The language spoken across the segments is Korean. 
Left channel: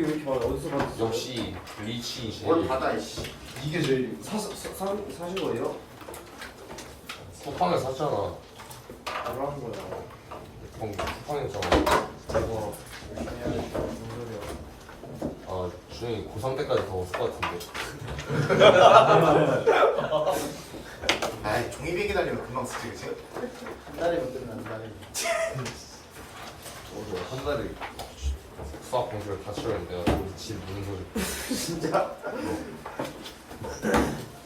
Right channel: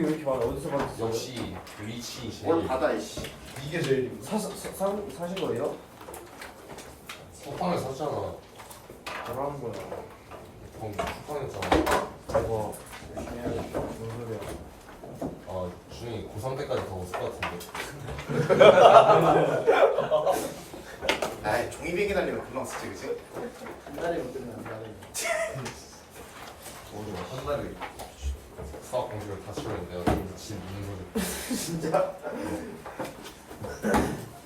왜 이렇게 많아? 어디서 받았어요? 역시 리치 뭘 제일 받아 이씨. 이게 제일 사신 거예요? 쿠팡에 샀잖아. 바로 하는 거야. 쿠팡에 샀잖아. 이거 열심히 해야겠다. 무슨 소리야? 아 준이 고3 때까지 더 없을 것 같은데. 아이 종이비기 달리면 금방 쓰지 그치? 한 달이면 끝난다네. 오늘 한 달에 수학 공부를 다 치렀는데 내가 거기서 진 무슨 소리. 진짜?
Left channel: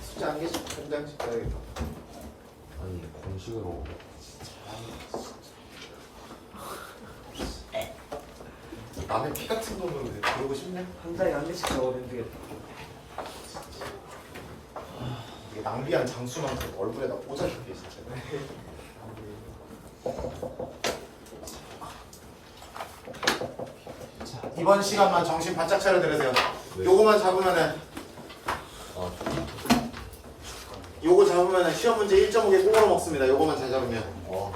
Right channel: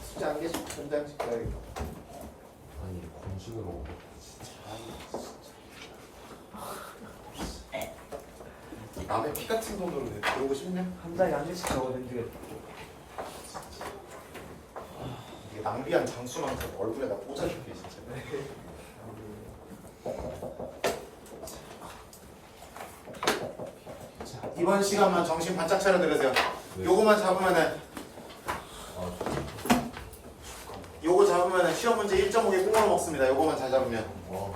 숙제 한 개씩 한 장씩 써야겠다. 아니 공식으로 남의 피 같은 돈으로 그러고 싶냐? 한 달에 한 개씩 적어도 힘들겠다. 이게 낭비한 장수만큼 얼굴에다 꽂아줄게 진짜. 자, 이번 시간만 정신 바짝 차려 들으세요. 네. 요거만 잡으면은 아 요거 잡으면은 시험 문제 1.5개 꼬으로 먹습니다. 요거만 잘 잡으면. 와.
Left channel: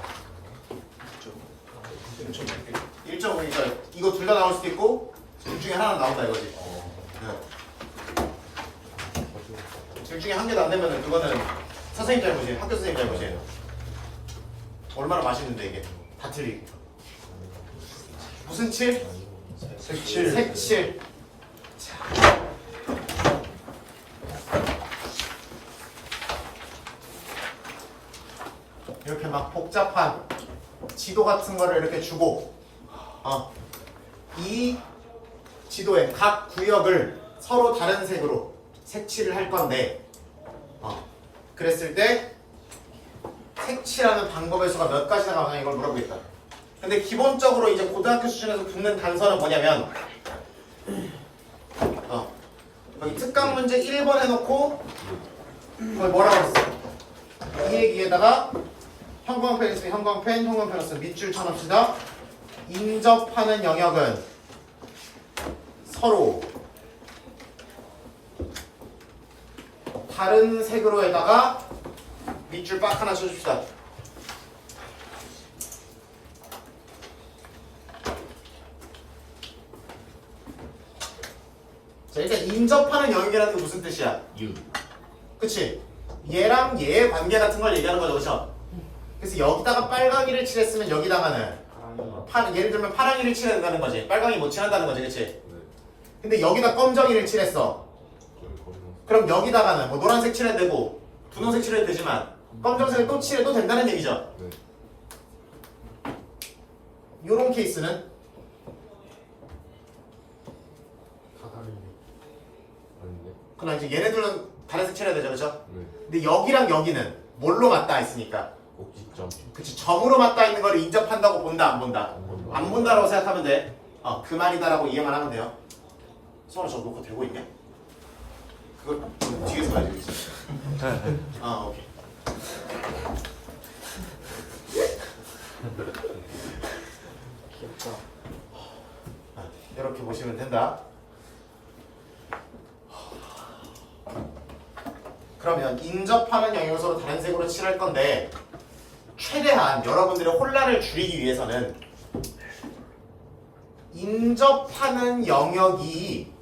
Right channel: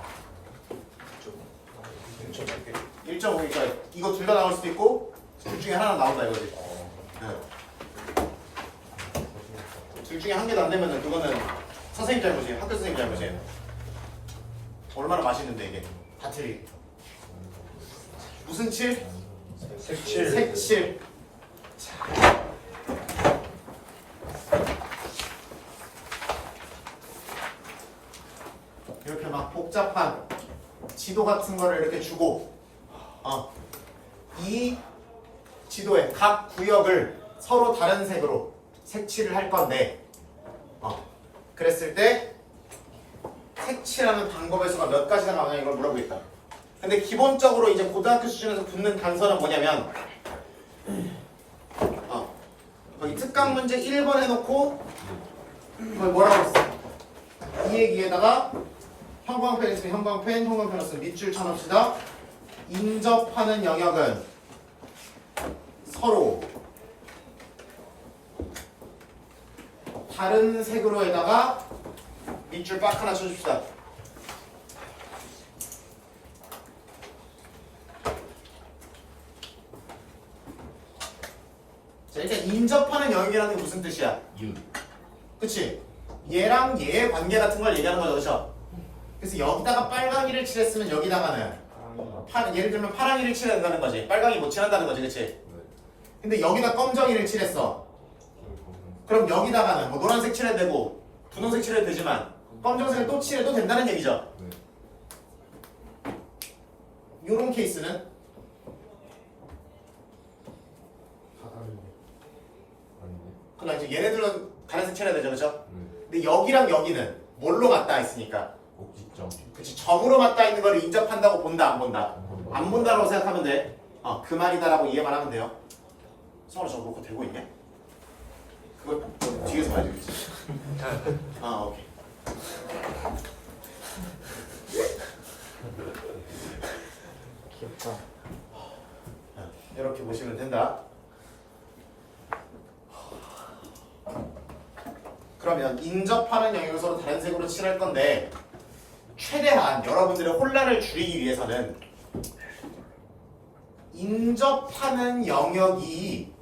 1.5개가 이거 둘 다 나올 수도 있고 둘 중에 하나 나온다 이거지. 네. 둘 중에 한 개도 안 되면은 그거는 선생님 잘못이에요. 학교 선생님 잘못이에요. 얼마나 맛있는데 이게 다 틀리게. 무슨 칠? 색칠. 색칠. 이렇게 막 복잡한 지도 같은 거를 이렇게 주고 이 지도의 각 구역을 서로 다른 색으로 색칠을 할 건데 그랬을 때 색칠하는 방법의 수가 몇 가지나 나오냐 이걸 물어보겠다. 근데 기본적으로 이제 고등학교 수준에서 붙는 단서는 뭐냐면 거기 특강 문제 1번 해놓고 거기 뭐라고 했어? 이 얘기에다가 형광펜 있으면 형광펜, 형광펜 없으면 밑줄 쳐놓읍시다. 인접하는 영역은 서로 다른 색으로에다가 밑줄 빡 하나 쳐줍시다. 자, 일단 인접하는 영역이라는 게 무슨 뜻이야? 유. 그치? 얘랑 얘의 관계 같은 걸 얘기하는 거죠, 그쵸? 그래서 여기다가 빨강이를 칠했으면 여기다가는 예를 들면 파랑이를 칠해야 된다는 거지. 빨강이 못 칠한다는 거지, 그치? 네. 근데 여기다 검정이를 칠했어. 그럼 여기다가는 뭐 노란색 칠해도 되고 분홍색 칠해도 되지만 검정색을 또 칠해도 된다는 얘기죠. 네. 요런 케이스는 다 다른데. 아닌데. 그럼 이제 얘네들은 다른 색 칠해야 되죠, 그쵸? 네. 근데 여기랑 여기는 뭘로 맞닿아 있으니까 꼭지점. 그치, 점으로 맞닿아 있는 걸 인접한다고 본다, 안 본다? 안 본다. 안 본다라고 생각하면 돼. 그 말이다라고 이해만 하면 돼요. 서로 저 녹화 되고 있냐? 그거 뒤에서 봐야지, 그치? 오케이. 귀엽다. 이렇게 보시면 된다. 그러면 인접하는 영역을 서로 다른 색으로 칠할 건데 최대한 여러분들의 혼란을 줄이기 위해서는 인접하는 영역이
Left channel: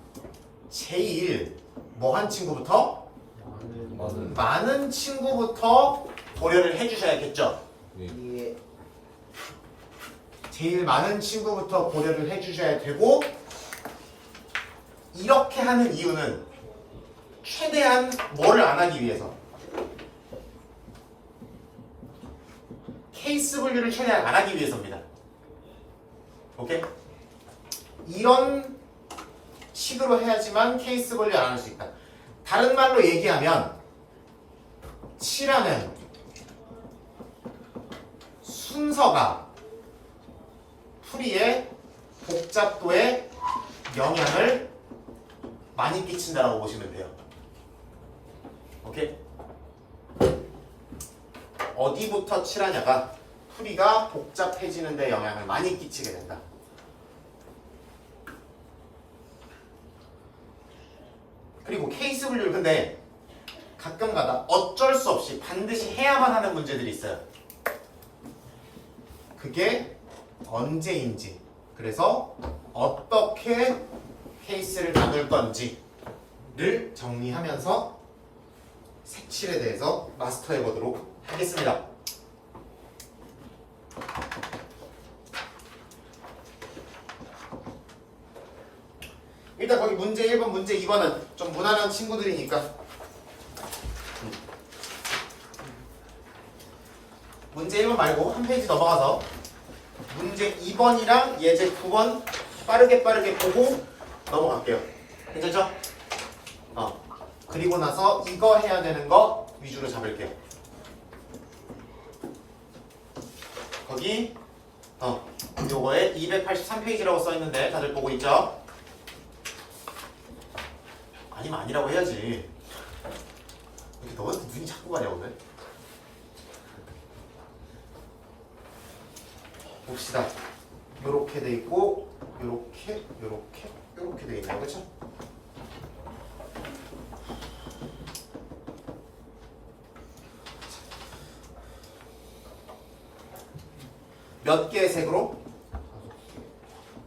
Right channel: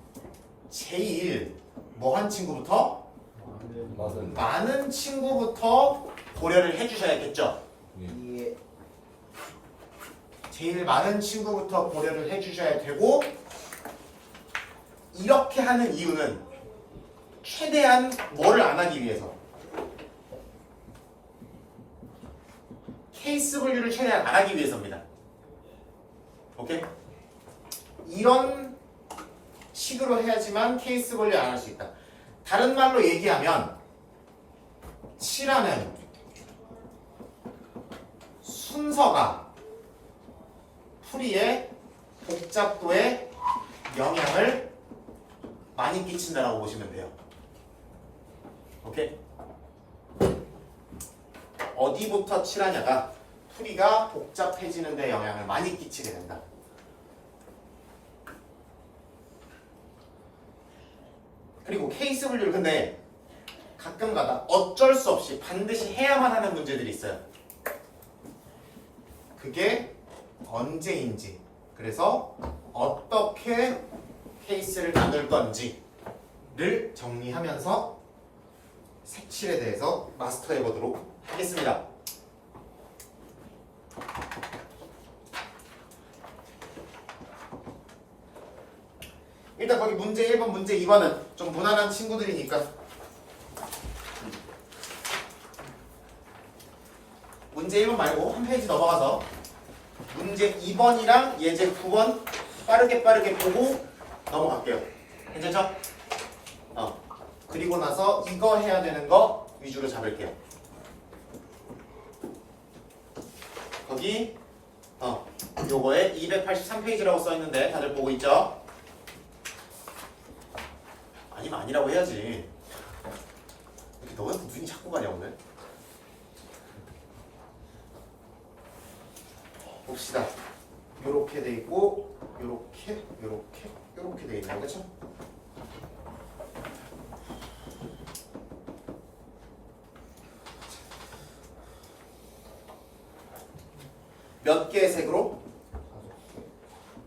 제일 뭐한 친구부터? 많은. 많은 친구부터 고려를 해주셔야겠죠. 예. 제일 많은 친구부터 고려를 해주셔야 되고 이렇게 하는 이유는 최대한 뭐를 안 하기 위해서 케이스 분류를 최대한 안 하기 위해서입니다. 오케이? 이런 식으로 해야지만 케이스 분류 안 할 수 있다. 다른 말로 얘기하면 칠하는 순서가 풀이의 복잡도에 영향을 많이 끼친다라고 보시면 돼요. 오케이? 어디부터 칠하냐가 풀이가 복잡해지는 데 영향을 많이 끼치게 된다. 그리고 케이스 분류를 근데 가끔가다 어쩔 수 없이 반드시 해야만 하는 문제들이 있어요. 그게 언제인지, 그래서 어떻게 케이스를 나눌 건지를 정리하면서 색칠에 대해서 마스터해 보도록 하겠습니다. 일단 거기 문제 1번, 문제 2번은 좀 무난한 친구들이니까 문제 1번 말고 한 페이지 넘어가서 문제 2번이랑 예제 9번 빠르게 보고 넘어갈게요. 괜찮죠? 그리고 나서 이거 해야 되는 거 위주로 잡을게요. 거기 요거에 283페이지라고 써있는데 다들 보고 있죠? 아니면 아니라고 해야지. 이렇게 너한테 눈이 자꾸 가냐 오늘? 봅시다. 요렇게 돼 있고 요렇게 돼 있나요? 그쵸? 몇 개의 색으로?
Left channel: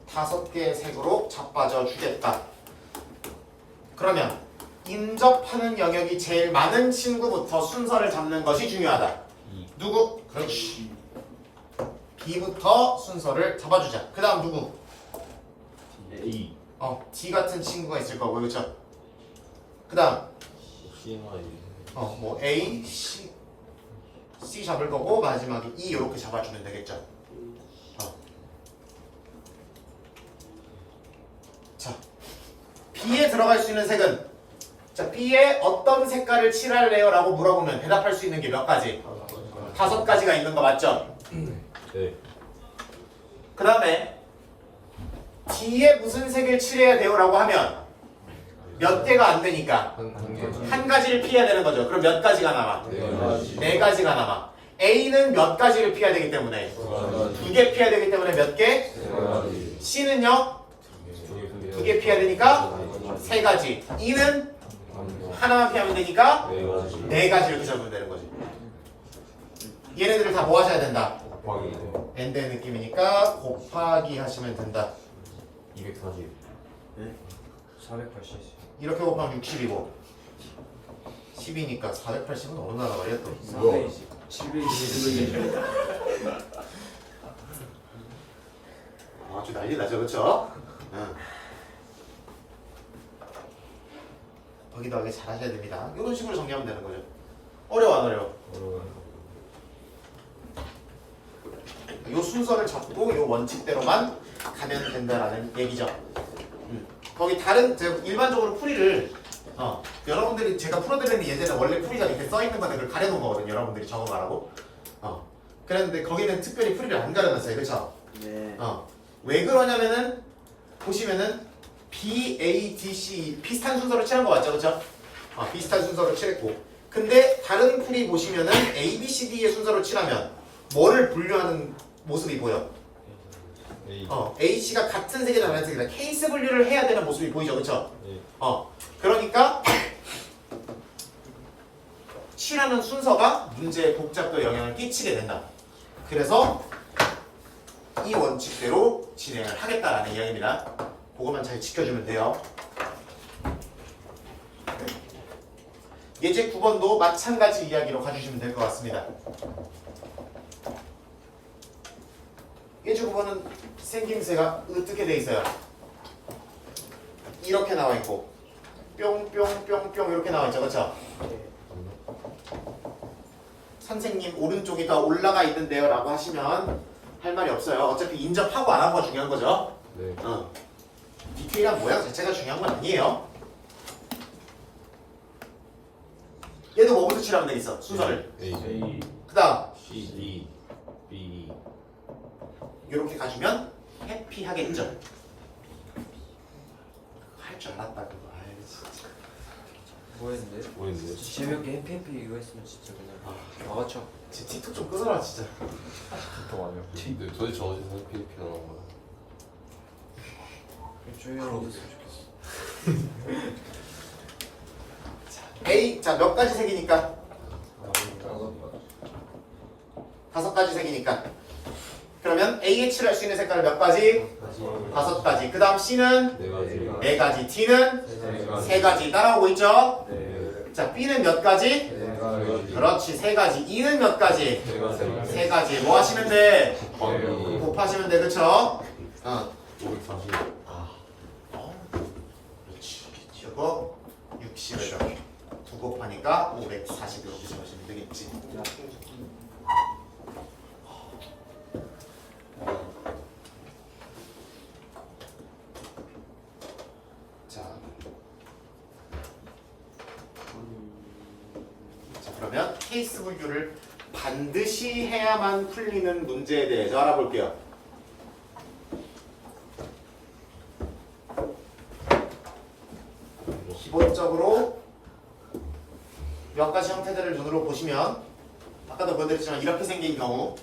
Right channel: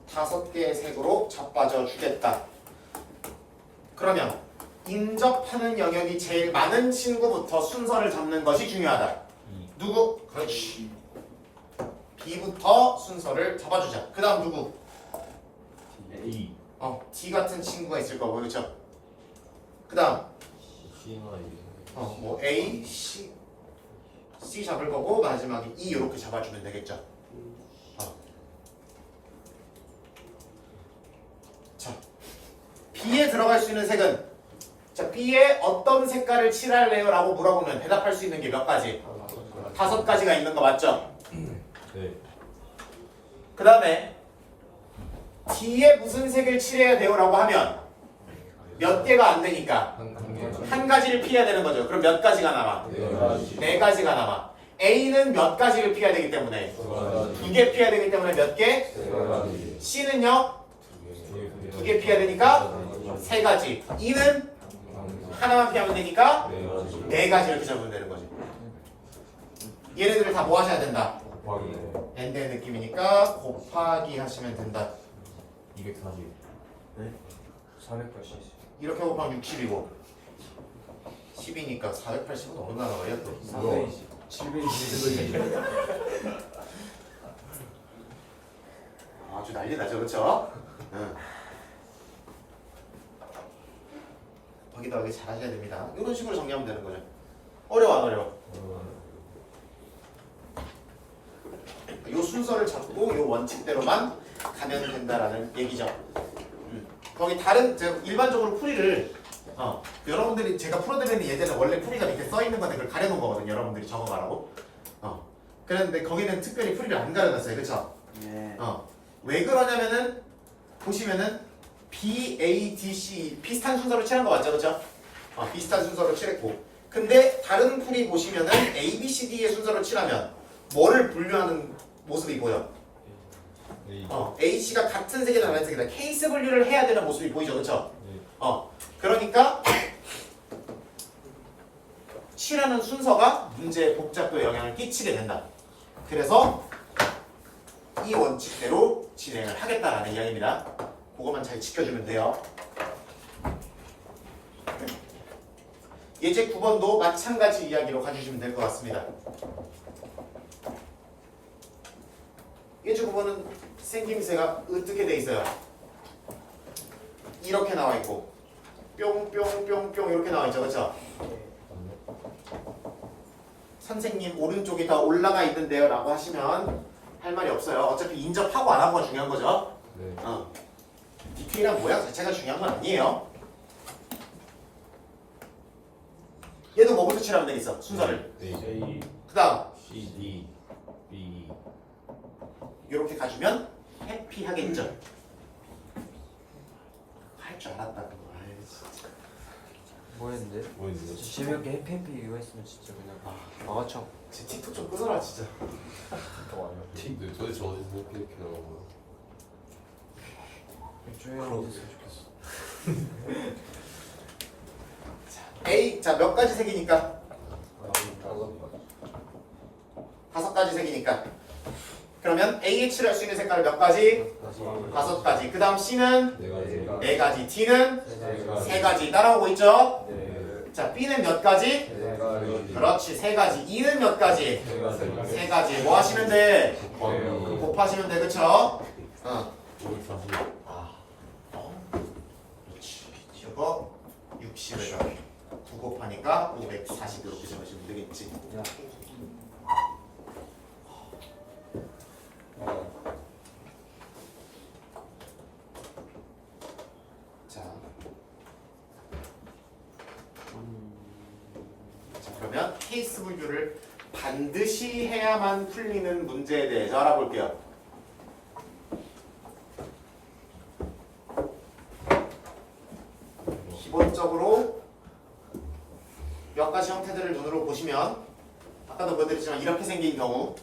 5개의 색으로 자빠져 주겠다. 그러면 인접하는 영역이 제일 많은 친구부터 순서를 잡는 것이 중요하다. 누구? 그렇지. B부터 순서를 잡아주자. 그 다음 누구? A. D 같은 친구가 있을 거고, 그렇죠? 그 다음 C나 뭐 A, C 잡을 거고 마지막에 E 이렇게 잡아주면 되겠죠. 자, B에 들어갈 수 있는 색은 자 B에 어떤 색깔을 칠할래요? 라고 물어보면 대답할 수 있는 게 몇 가지? 5가지가 있는 거 맞죠? 네. 그 다음에 D에 무슨 색을 칠해야 돼요? 라고 하면 몇 개가 안 되니까 한 가지를 피해야 되는 거죠. 그럼 몇 가지가 남아? 네 가지가 남아. A는 몇 가지를 피해야 되기 때문에 2개 피해야 되기 때문에 몇 개? C는요? 2개 피해야 되니까 3가지. E는 하나만 피하면 되니까 4가지 이렇게 잡으면 되는 거지. 얘네들을 다 뭐 하셔야 된다? 엔드의 느낌이니까 곱하기 하시면 된다. 240. 네? 480. 이렇게 곱하면 60이고 10이니까 480은 어느 나라 말이야 또? 720. 아주 난리 나죠, 그렇죠? 응. 더하기 잘하셔야 됩니다. 이런 식으로 정리하면 되는 거죠. 어려워 안 어려워? 이 순서를 잡고 이 원칙대로만 가면 된다라는 얘기죠. 거기 다른 일반적으로 풀이를 여러분들이 제가 풀어드리는 예제는 원래 풀이가 이렇게 써 있는 건데 그걸 가려놓은 거거든요. 여러분들이 적어가라고. 그랬는데 거기는 특별히 풀이를 안 가려놨어요, 그렇죠? 네. 왜 그러냐면은 보시면은 B, A, D, C 비슷한 순서로 칠한 거 맞죠, 그렇죠? 비슷한 순서로 칠했고, 근데 다른 풀이 보시면은 A, B, C, D의 순서로 칠하면 뭐를 분류하는 모습이 보여? A, C가 같은 색이다, 다른 색이다. 케이스 분류를 해야 되는 모습이 보이죠, 그렇죠? 그러니까 칠하는 순서가 문제의 복잡도에 영향을 끼치게 된다. 그래서 이 원칙대로 진행을 하겠다라는 이야기입니다. 그것만 잘 지켜주면 돼요. 예제 9번도 마찬가지 이야기로 가주시면 될 것 같습니다. 예제 9번은 생김새가 어떻게 돼 있어요? 이렇게 나와 있고 뿅뿅뿅뿅 이렇게 나와 있죠, 그렇죠? 선생님 오른쪽이 더 올라가 있는데요 라고 하시면 할 말이 없어요. 어차피 인접하고 안 하고가 중요한 거죠. 네. 디테일한 모양 자체가 중요한 건 아니에요. 얘도 뭐부터 칠하면 되겠어? 순서를. A. 그 다음 C, D, B. 이렇게 가주면 해피하겠죠. 할 줄 알았다 그거. 아이 진짜. 뭐였는데? 뭐였는데요? 재미없게 해피해피 이거 했으면 진짜 그냥 막아쳐. 제 틱톡 좀 끊어라 진짜. 또 아니야? 근데 도대체 어디서 이렇게 나온 거야? 조용히 하고 있었으면 좋겠어. A 자 몇 가지 색이니까? 5가지 색이니까 그러면 A에 칠할 수 있는 색깔은 몇 가지? 5가지. 그 다음 C는 네 가지. 4가지. D는 네 3가지. 따라오고 있죠? 네. 자, B는 몇 가지? 가지. 그렇지, 3가지. E는 몇 가지? 네 가지. 3가지. 뭐 하시면 돼? 곱하기 곱하시면 돼, 그쵸? 540. 그렇지. 이거 60에다 9 곱하니까 540 이렇게 적으시면 되겠지. 자, 그러면 케이스 분류를 반드시 해야만 풀리는 문제에 대해서 알아볼게요. 기본적으로 몇 가지 형태들을 눈으로 보시면 아까도 보여드렸지만 이렇게 생긴 경우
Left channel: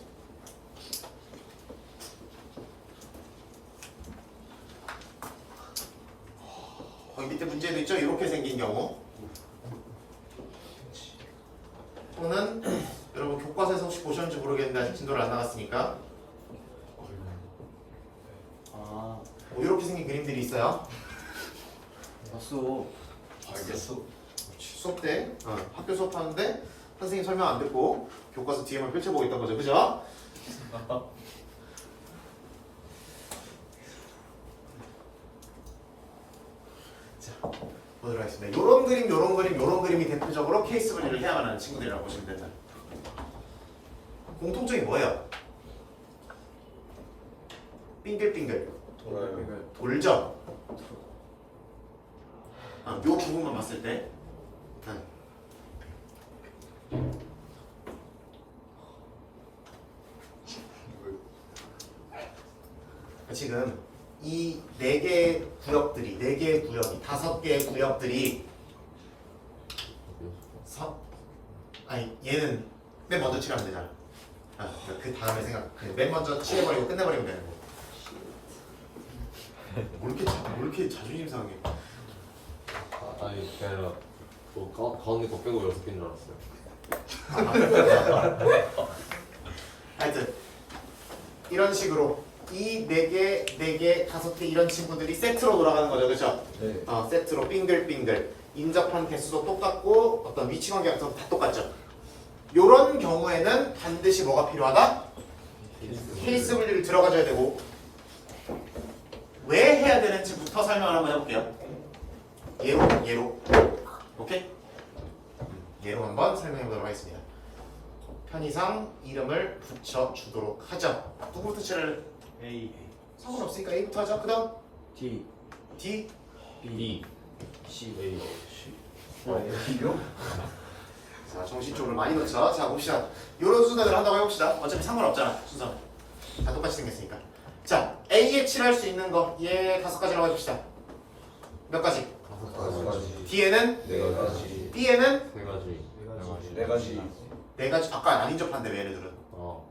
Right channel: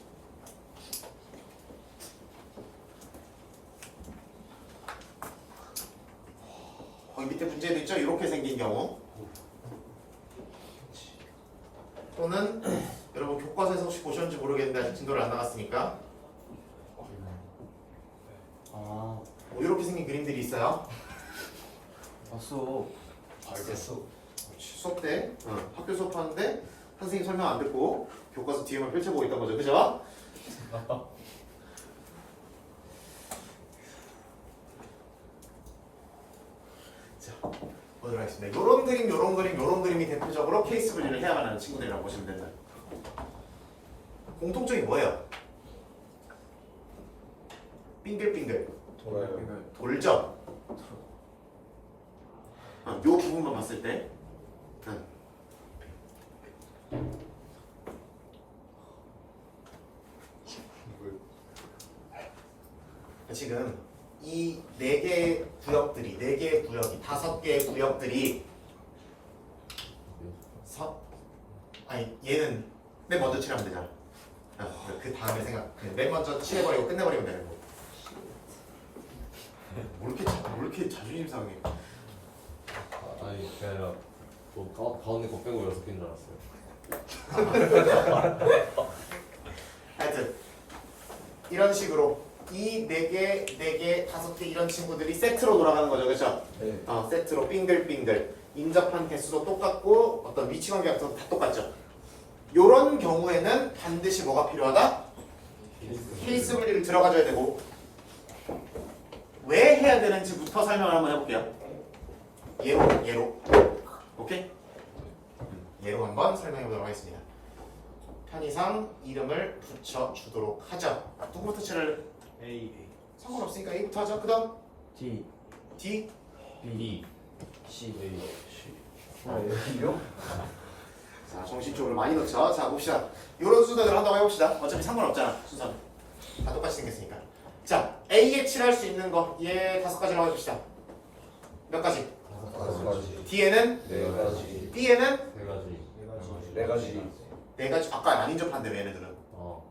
거기 밑에 문제도 있죠? 이렇게 생긴 경우 또는 여러분 교과서에서 혹시 보셨는지 모르겠는데 아직 진도를 안 나갔으니까 아 이렇게 생긴 그림들이 있어요. 봤어. 수업 때 학교 수업하는데 선생님 설명 안 듣고 교과서 뒤에만 펼쳐보고 있던 거죠, 그죠? 자, 보도록 하겠습니다. 요런 그림, 요런 그림, 요런 그림이 대표적으로 케이스 분류를 해야만 하는 친구들이라고 보시면 됩니다. 공통점이 뭐예요? 빙글빙글 돌죠? 요 부분만 봤을 때 지금 이 4개의 구역들이 4개의 구역이 5개의 구역들이 아니 얘는 맨 먼저 칠하면 되잖아. 그 다음에 그냥 맨 먼저 칠해버리고 끝내버리면 되는 거. 뭐 이렇게 자존심 상해. 아니 그게 아니라 뭐 가운데 거 빼고 6개인 줄 알았어요. 하여튼 이런 식으로 이 4개, 5개 이런 친구들이 세트로 돌아가는 거죠, 그렇죠? 네. 세트로 빙글빙글 인접한 개수도 똑같고 어떤 위치 관계 같은 것도 다 똑같죠. 이런 경우에는 반드시 뭐가 필요하다? 케이스 분류를 들어가줘야 되고 왜 해야 되는지부터 설명을 한번 해볼게요. 예로 오케이? 예로 한번 설명해보도록 하겠습니다. 편의상 이름을 붙여주도록 하죠. 누구부터 칠을? A 상관없으니까 A부터 하죠. 그 다음 D D B C A A요? 자, 정신적으로 많이 넣죠. 자, 봅시다. 이런 순서대로 한다고 해봅시다. 어차피 상관없잖아, 순서. 다 똑같이 생겼으니까. 자, A에 칠할 수 있는 거, 얘 5가지라고 해봅시다. 몇 가지? 5가지. D에는? 4가지. B에는? 4가지. 4가지 4가지. 아까 안 인접한데, 왜 얘네들은? 어.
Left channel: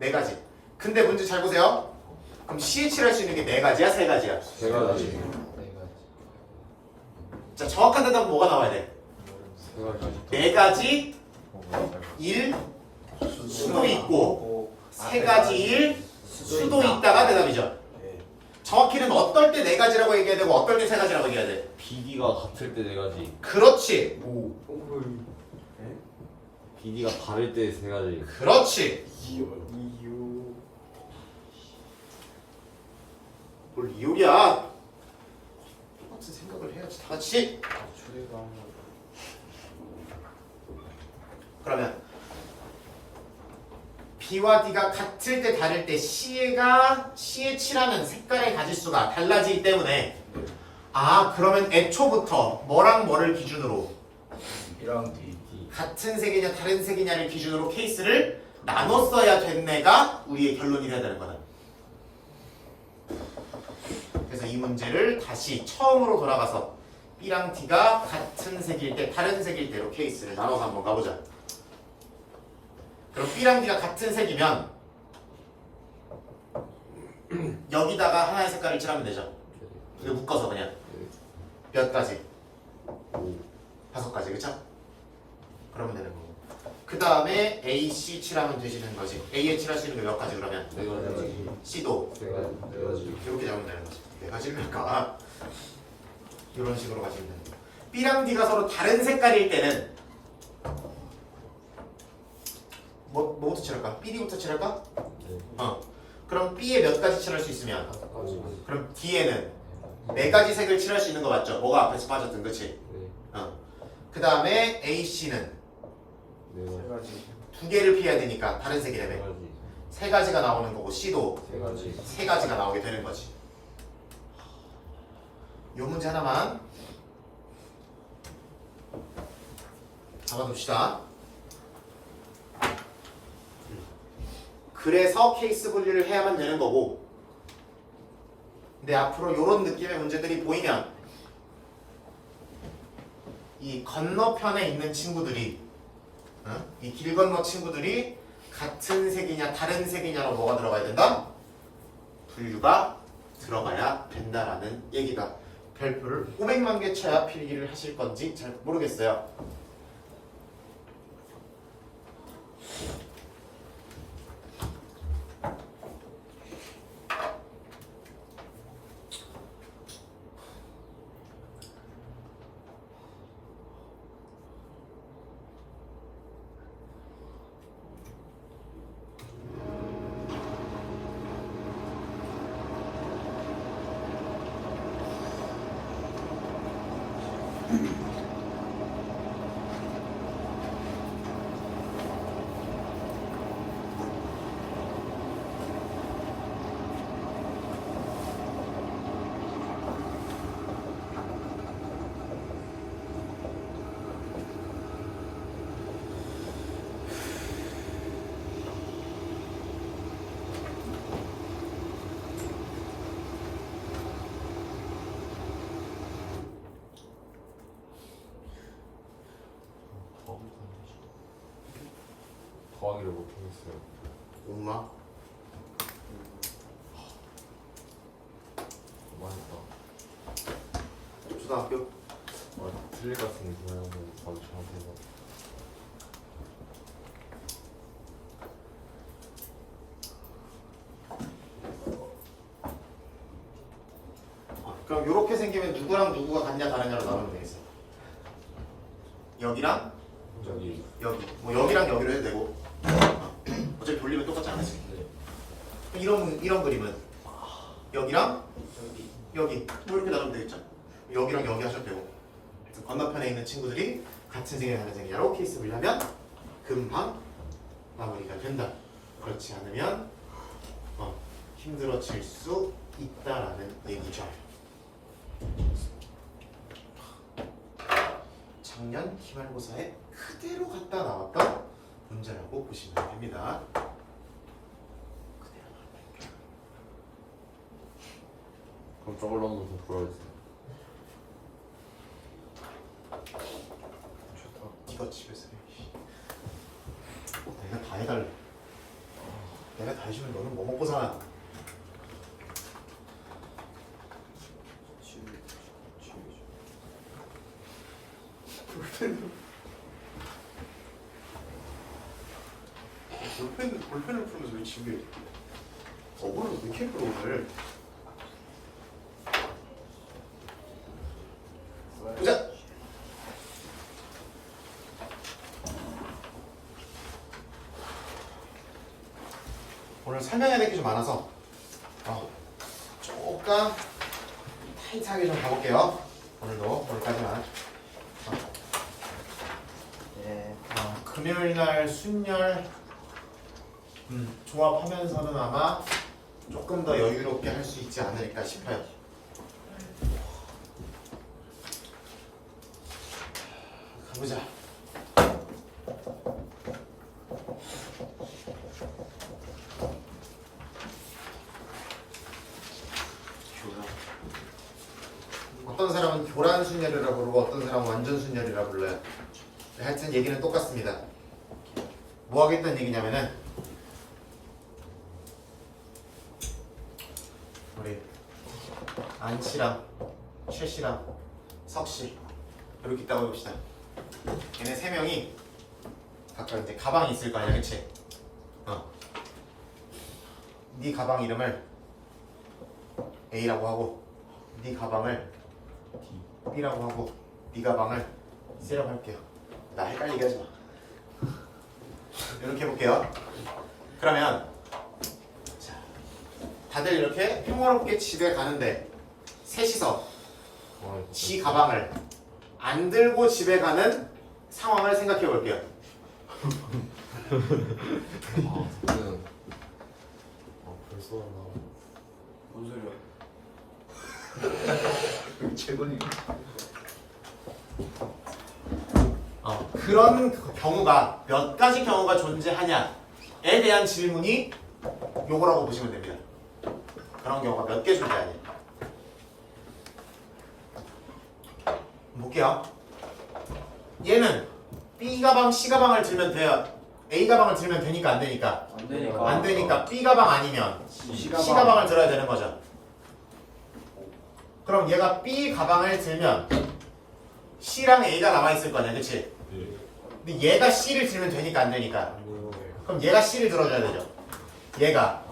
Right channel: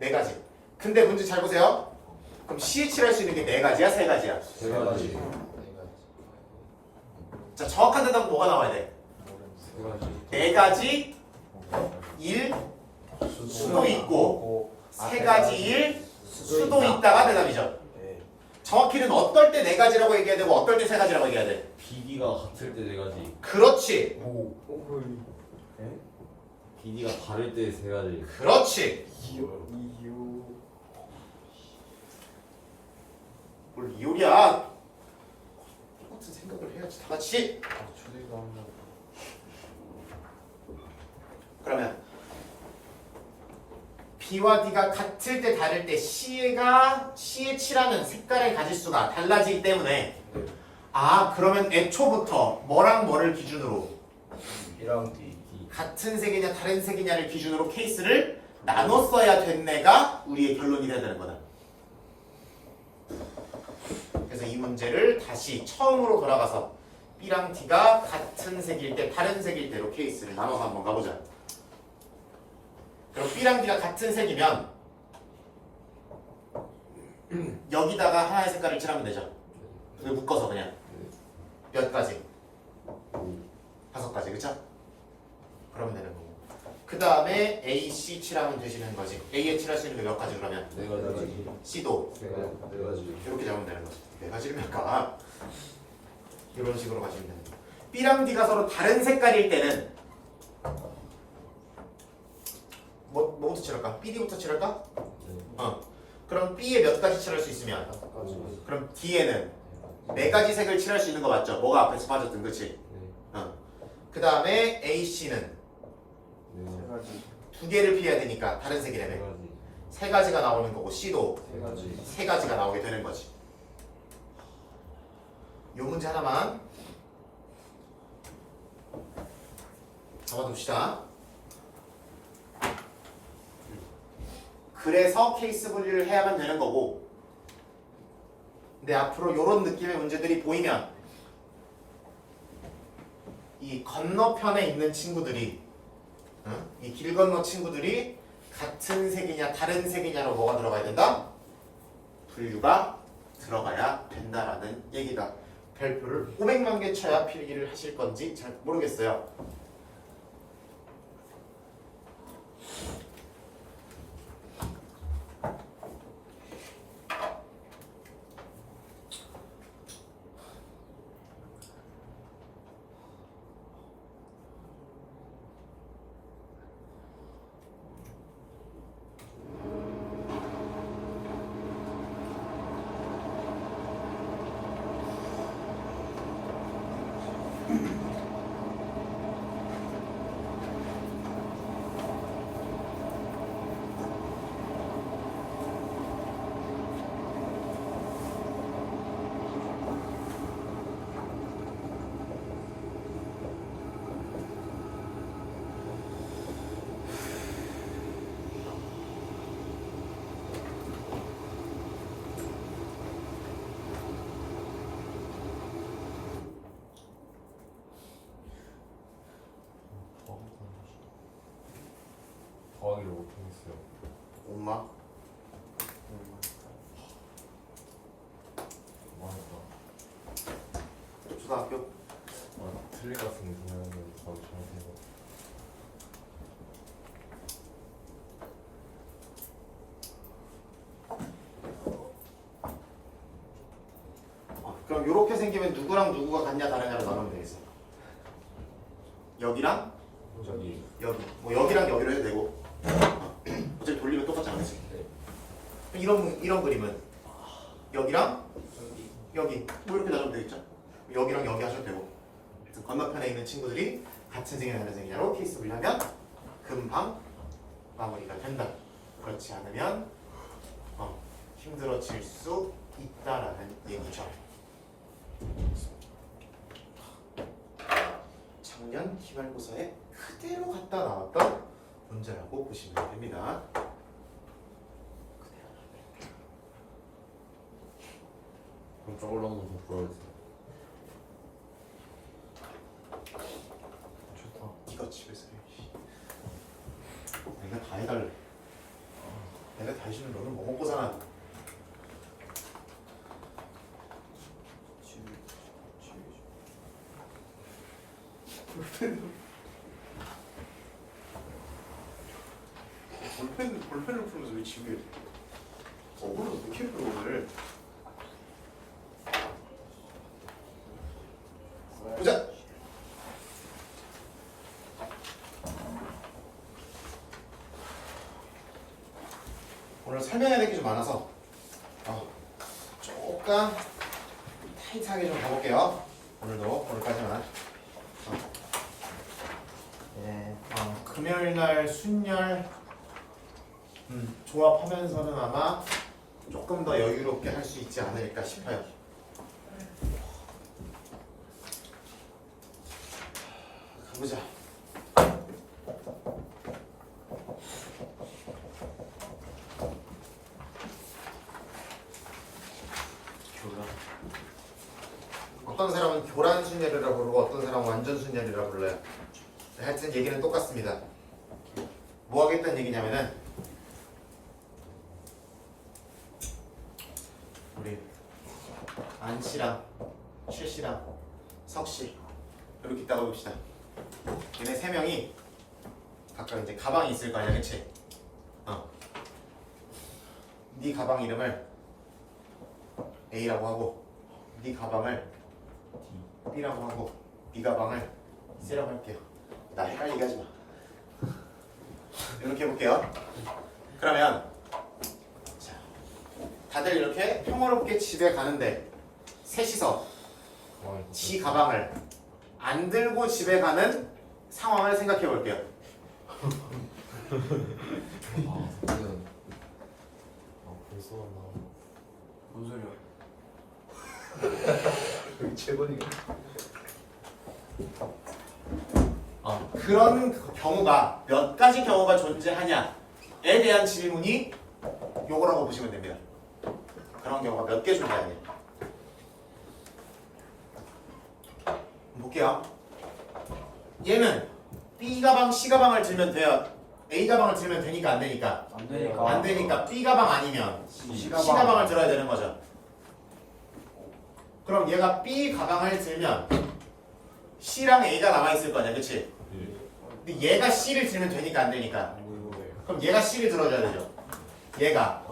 4가지. 근데 문제 잘 보세요. 그럼 C에 칠할 수 있는 게 4가지야, 3가지야? 3가지. 자, 정확한 대답은 뭐가 나와야 돼? 4가지 1 수도 있고 3가지 1 수도 있다가 대답이죠. 정확히는 어떨 때 4가지라고 얘기해야 되고 어떨 때 3가지라고 얘기해야 돼? BD가 같을 때 4가지. 그렇지. BD가 다를 때 3가지. 그렇지. 이유 뭘 이유야? 똑같은 생각을 해야지 다 같이. 그러면 B와 D가 같을 때 다를 때 C에 칠하는 색깔의 가지수가 달라지기 때문에 그러면 애초부터 뭐랑 뭐를 기준으로 B랑 D 같은 색이냐 다른 색이냐를 기준으로 케이스를 나눴어야 됐네가 우리의 결론이 돼야 되는 거다. 그래서 이 문제를 다시 처음으로 돌아가서 B랑 D가 같은 색일 때 다른 색일 때로 케이스를 나눠서 한번 가보자. 그럼 B랑 D가 같은 색이면 여기다가 하나의 색깔을 칠하면 되죠. 이거 묶어서 그냥 몇 가지? 5가지, 그쵸? 그러면 되는 거고. 그 다음에 A, C 칠하면 되시는 거지. A에 칠할 수 있는 게 몇 가지 그러면? 네 가지. C도 네 가지. 이렇게 잡으면 되는 거지. 네 가지를 할까? 이런 식으로 가지면 되는 거야. B랑 D가 서로 다른 색깔일 때는 뭐부터 칠할까? BD부터 칠할까? 네. 그럼 B에 몇 가지 칠할 수 있으면 5가지. 그럼 D에는 네 가지 색을 칠할 수 있는 거 맞죠? 뭐가 앞에서 빠졌든 그치? 네. 그 다음에 A, C는 네. 가지. 두 개를 피해야 되니까 다른 네 색이라며 가지. 세 가지가 나오는 거고 C도 세 가지. 세 가지가 나오게 되는 거지. 요 문제 하나만 잡아둡시다. 그래서 케이스 분리를 해야만 되는 거고, 근데 앞으로 요런 느낌의 문제들이 보이면 이 건너편에 있는 친구들이 이 길 건너 친구들이 같은 색이냐 다른 색이냐로 뭐가 들어가야 된다? 분류가 들어가야 된다라는 얘기다. 별표를 500만 개 쳐야 필기를 하실 건지 잘 모르겠어요. 더하기를 못하겠어요. 엄마 맞다. 초등학교 틀릴 것 같은데 그냥 바로 저한테 해서. 그럼 이렇게 생기면 누구랑 누구가 같냐 다르냐로 나누면 되겠어. 여기랑 저기 여기 뭐 여기랑 여기로 해도 되고 어차피 돌리면 똑같지 않았지. 이런 그림은 여기랑 여기 뭐 이렇게 나누면 되겠죠. 여기랑 여기 하셔도 되고 하여튼 건너편에 있는 친구들이 같은 색이나 다른 색이냐로 케이스 분리하면 금방 마무리가 된다. 그렇지 않으면 힘들어질 수 있다라는 얘기죠. 작년 기말고사에 그대로 갖다 나왔던 문제라고 보시면 됩니다. 그럼 저걸로 한번 더 보여주세요. 좋다. 네가 집에서 해. 내가 다 해달래. 내가 다 해주면 너는 뭐 먹고 사나? 볼펜을 풀면서 왜 집에 오늘 왜 이렇게 풀어 오늘? 보자. 오늘 설명해야 될 게 좀 많아서 조금 타이트하게 좀 가볼게요. 오늘까지만. 네, 금요일 날 순열 조합하면서는 아마 조금 더 여유롭게 할 수 있지 않을까 싶어요. 가보자. 어떤 사람은 교란 순열이라고 부르고 어떤 사람은 완전 순열이라고 불러요. 하여튼 얘기는 똑같습니다. 뭐 하겠다는 얘기냐면은 우리 안씨랑 최씨랑 석씨 이렇게 있다고 봅시다. 얘네 세 명이 각각 이제 가방이 있을 거 아니야, 그치? 네 가방 이름을 A라고 하고 네 가방을 B라고 하고 네 가방을 C라고 할게요. 나 헷갈리게 하지 마. 이렇게 해볼게요. 그러면 자, 다들 이렇게 평화롭게 집에 가는데 셋이서 지 가방을 안 들고 집에 가는 상황을 생각해 볼게요. 저는 벌써 나 뭔 소리야? 최고니까. 그런 경우가 몇 가지 경우가 존재하냐에 대한 질문이 요거라고 보시면 됩니다. 그런 경우가 몇 개 존재하냐. 볼게요. 얘는 B 가방, C 가방을 들면 돼요. A 가방을 들면 되니까 안 되니까? 안 되니까. 안 되니까 B 가방 아니면 C C 가방을 들어야 되는 거죠. 그럼 얘가 B 가방을 들면 C랑 A가 남아있을 거 아니야, 그치? 근데 얘가 C를 들면 되니까 안 되니까? 그럼 얘가 C를 들어줘야 되죠. 얘가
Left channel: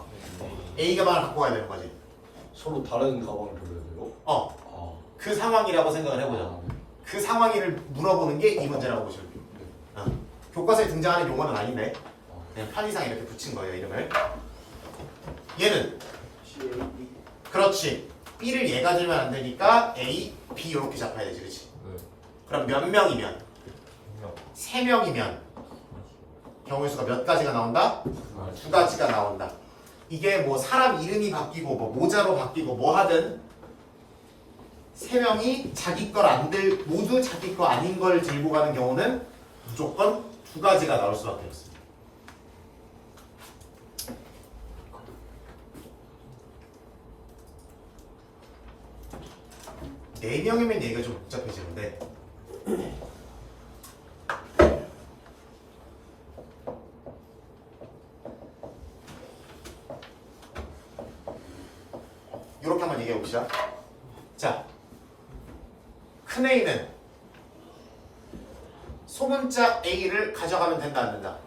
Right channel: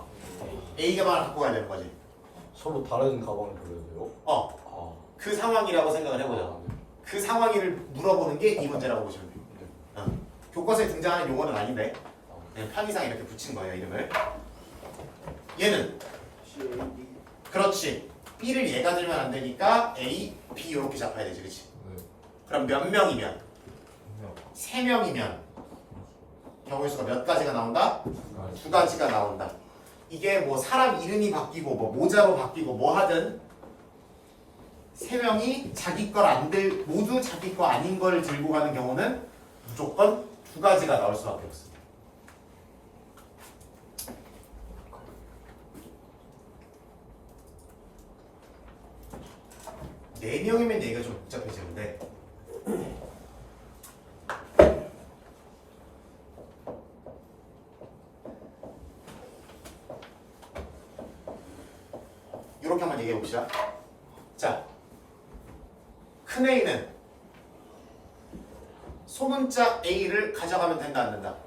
A 가방을 갖고 가야 되는 거지. 서로 다른 가방을 버려야 돼요? 그 상황이라고 생각을 해보자. 그 상황을 물어보는 게 이 문제라고 보시면 돼요. 교과서에 등장하는 용어는 아닌데 그냥 편의상 이렇게 붙인 거예요, 이름을. 얘는 C, A, B. 그렇지. B를 얘가 들면 안 되니까 A, B 이렇게 잡아야 되지, 그렇지? 그럼 몇 명이면? 3명이면 경우의 수가 몇 가지가 나온다? 2가지가 나온다. 이게 뭐 사람 이름이 바뀌고 뭐 모자로 바뀌고 뭐 하든 3명이 자기 걸 안 들, 모두 자기 거 아닌 걸 들고 가는 경우는 무조건 2가지가 나올 수밖에 없습니다. 네 명이면 얘기가 좀 복잡해지는데 이렇게 한번 얘기해 봅시다. 자, 큰 A는 소문자 A를 가져가면 된다, 안 된다?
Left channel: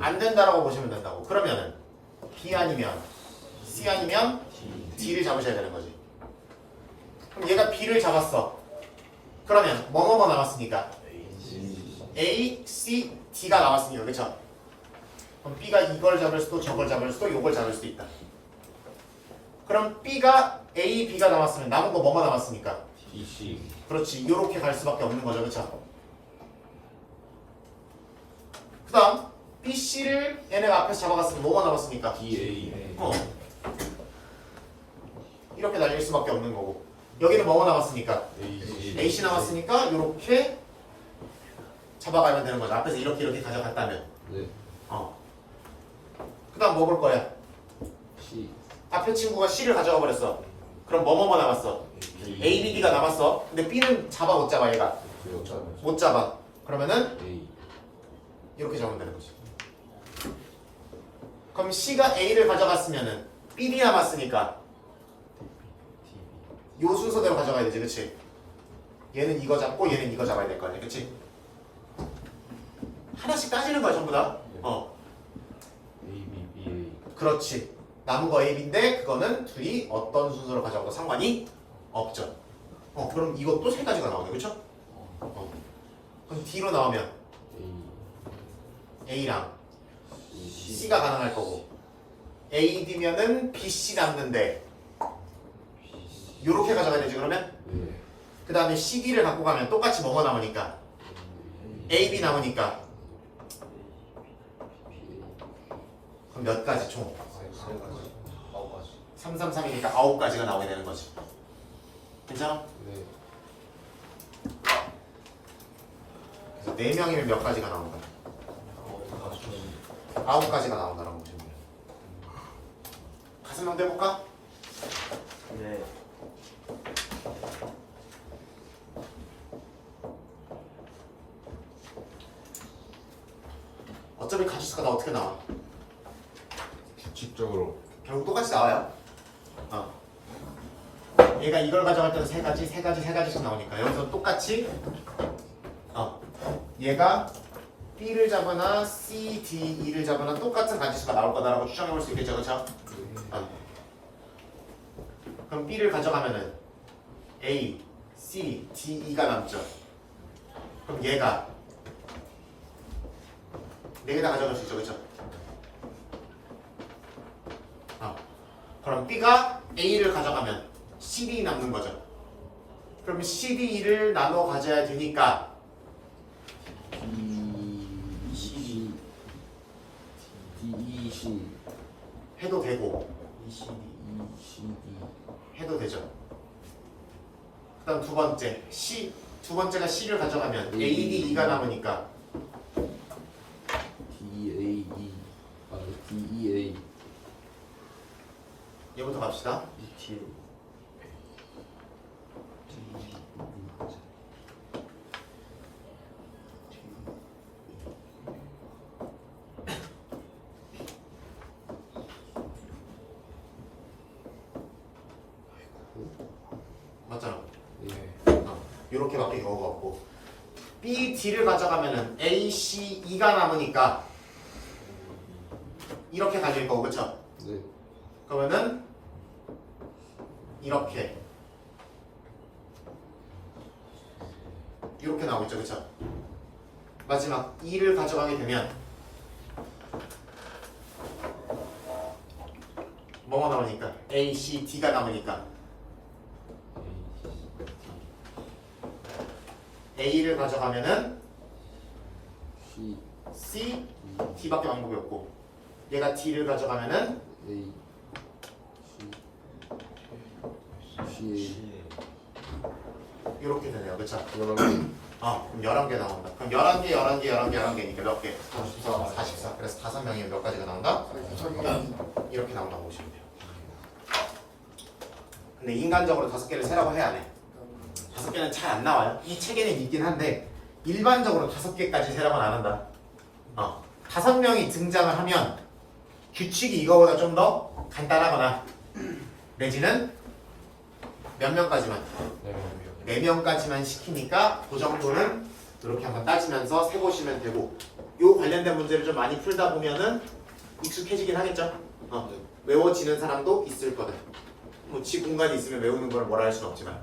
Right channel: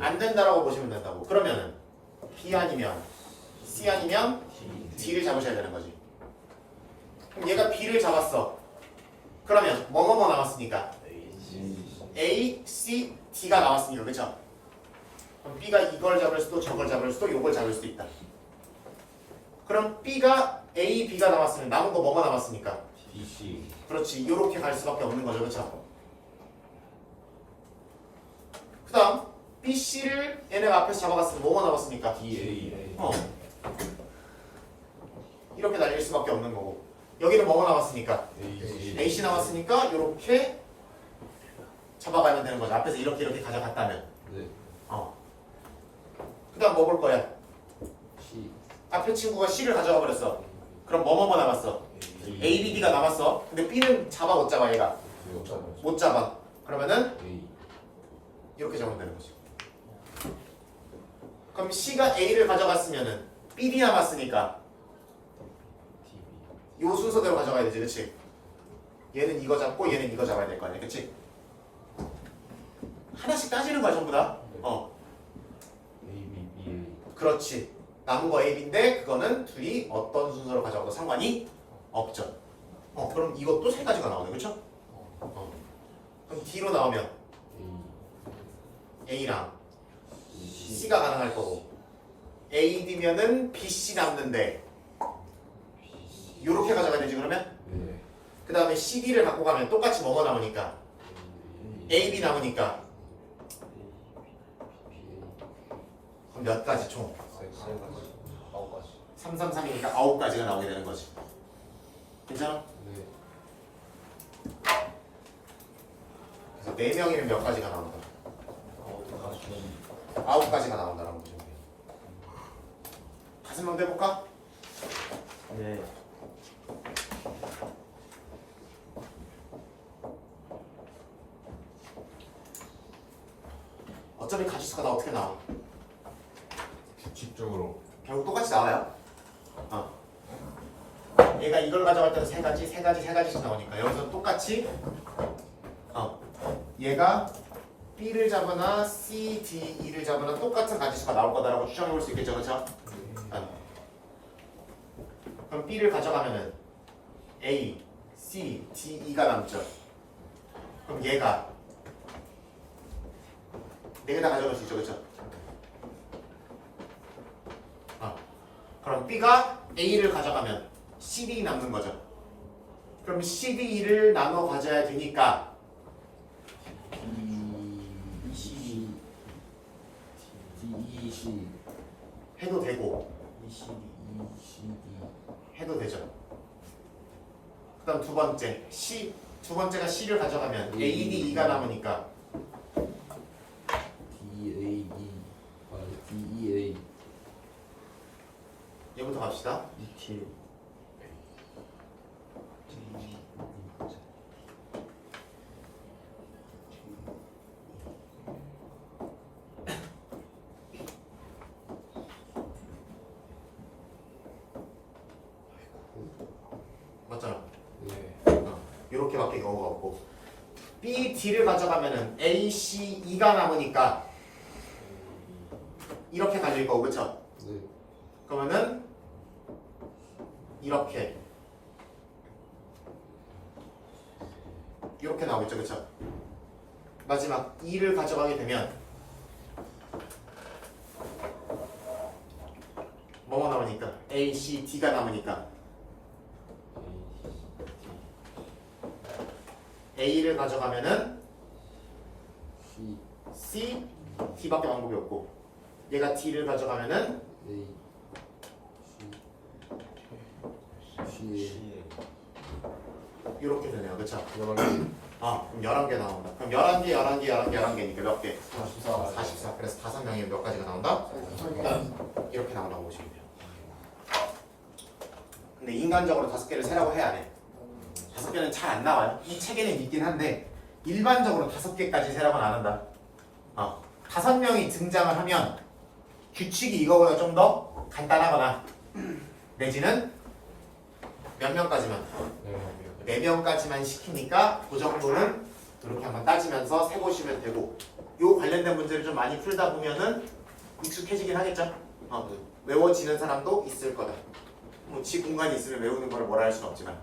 안 된다라고 보시면 된다고. 그러면은 B 아니면 C 아니면 D를 잡으셔야 되는 거지. 그럼 얘가 B를 잡았어. 그러면 뭐뭐뭐 남았으니까 A, C, D가 나왔으니까, 그쵸? 그럼 B가 이걸 잡을 수도 저걸 잡을 수도 요걸 잡을 수도 있다. 그럼 B가 A, B가 남았으면 남은 거 뭐가 남았으니까? DC. 그렇지. 이렇게 갈 수밖에 없는 거죠, 그쵸? 그 다음 B, C를 얘네가 앞에서 잡아갔으면 뭐가 남았습니까? DA. 이렇게 날릴 수밖에 없는 거고 여기는 뭐가 남았으니까? AC. AC 남았으니까 이렇게 잡아가면 되는 거죠. 앞에서 이렇게 가져갔다면. 네. 그 다음 뭐 볼 거야? C. 앞에 친구가 C를 가져가 버렸어. 그럼 뭐뭐뭐 남았어? A, B, D가 남았어. 근데 B는 잡아 못 잡아 얘가? 못 잡아. 그러면은 A. 이렇게 잡으면 되는 거지. 그럼 C가 A를 가져갔으면은 B, D 남았으니까 요 순서대로 가져가야 되지, 그치? 얘는 이거 잡고 얘는 이거 잡아야 될 거 아니야, 그치? 하나씩 따지는 거야, 전부 다. A, B, B, A. 그렇지. 남은 거 A, B인데 그거는 둘이 어떤 순서로 가져가도 상관이 없죠. 그럼 이것도 3가지가 나오네, 그쵸? 그럼 D로 나오면 A랑 C가 가능할 거고 A, D면은 B, C 남는데 요렇게 가져가야 되지, 그러면? 네. 그 다음에 C, D를 갖고 가면 똑같이 뭐가 남으니까? A, B 남으니까 그럼 몇 가지 총? 3, 3, 3이니까 9가지가 나오게 되는 거지. 괜찮아? 네. 그래서 4명이면 몇 가지가 나오는 거야? 9가지가 나온다라고 보시면 돼요. 5명도 해볼까? 네. 어차피 가지수가 다 어떻게 나와? 규칙적으로. 결국 똑같이 나와요. 얘가 이걸 가져갈 때는 3가지, 3가지, 3가지씩 나오니까 여기서 똑같이 얘가 B를 잡거나 C, D, E를 잡거나 똑같은 가지수가 나올 거다라고 추정해 볼 수 있겠죠, 그렇죠? 그럼 B를 가져가면은 A, C, D, E가 남죠. 그럼 얘가 4개 다 가져갈 수 있죠, 그렇죠? 그럼 B가 A를 가져가면 CD 남는 거죠. 그럼 CD를 나눠 가져야 되니까 C D C 해도 되고 E C D 해도 되죠. 그 다음 두 번째가 C를 가져가면 A, D, E가 남으니까 D A E D E A 얘부터 갑시다. E T 맞잖아. 예. 이렇게밖에 경우가 없고 B, D를 가져가면은 A, C, E가 남으니까 이렇게 가질 거고 그쵸? 네. 그러면은 이렇게 나오겠죠 그쵸? 마지막 E를 가져가게 되면 뭐가 나오니까 A, C, D가 남으니까 A를 가져가면은 C C, D밖에 방법이 없고 얘가 D를 가져가면은 A C 이렇게 되네요 그쵸? 그럼 그럼 11개 나온다. 그럼 11개니까 몇 개? 44. 44. 그래서 5명이면 몇 가지가 나온다? 이렇게 나온다고 보시면 돼요. 근데 인간적으로 5개를 세라고 해야 돼. 5개는 잘 안 나와요. 이 책에는 있긴 한데 일반적으로 5개까지 세라고는 안 한다. 5명이 등장을 하면 규칙이 이거보다 좀 더 간단하거나 내지는 몇 명까지만? 네. 4명까지만 시키니까 그 정도는 이렇게 한번 따지면서 세보시면 되고 요 관련된 문제를 좀 많이 풀다 보면은 익숙해지긴 하겠죠. 외워지는 사람도 있을 거다. 뭐 지 공간이 있으면 외우는 걸 뭐라 할 수는 없지만.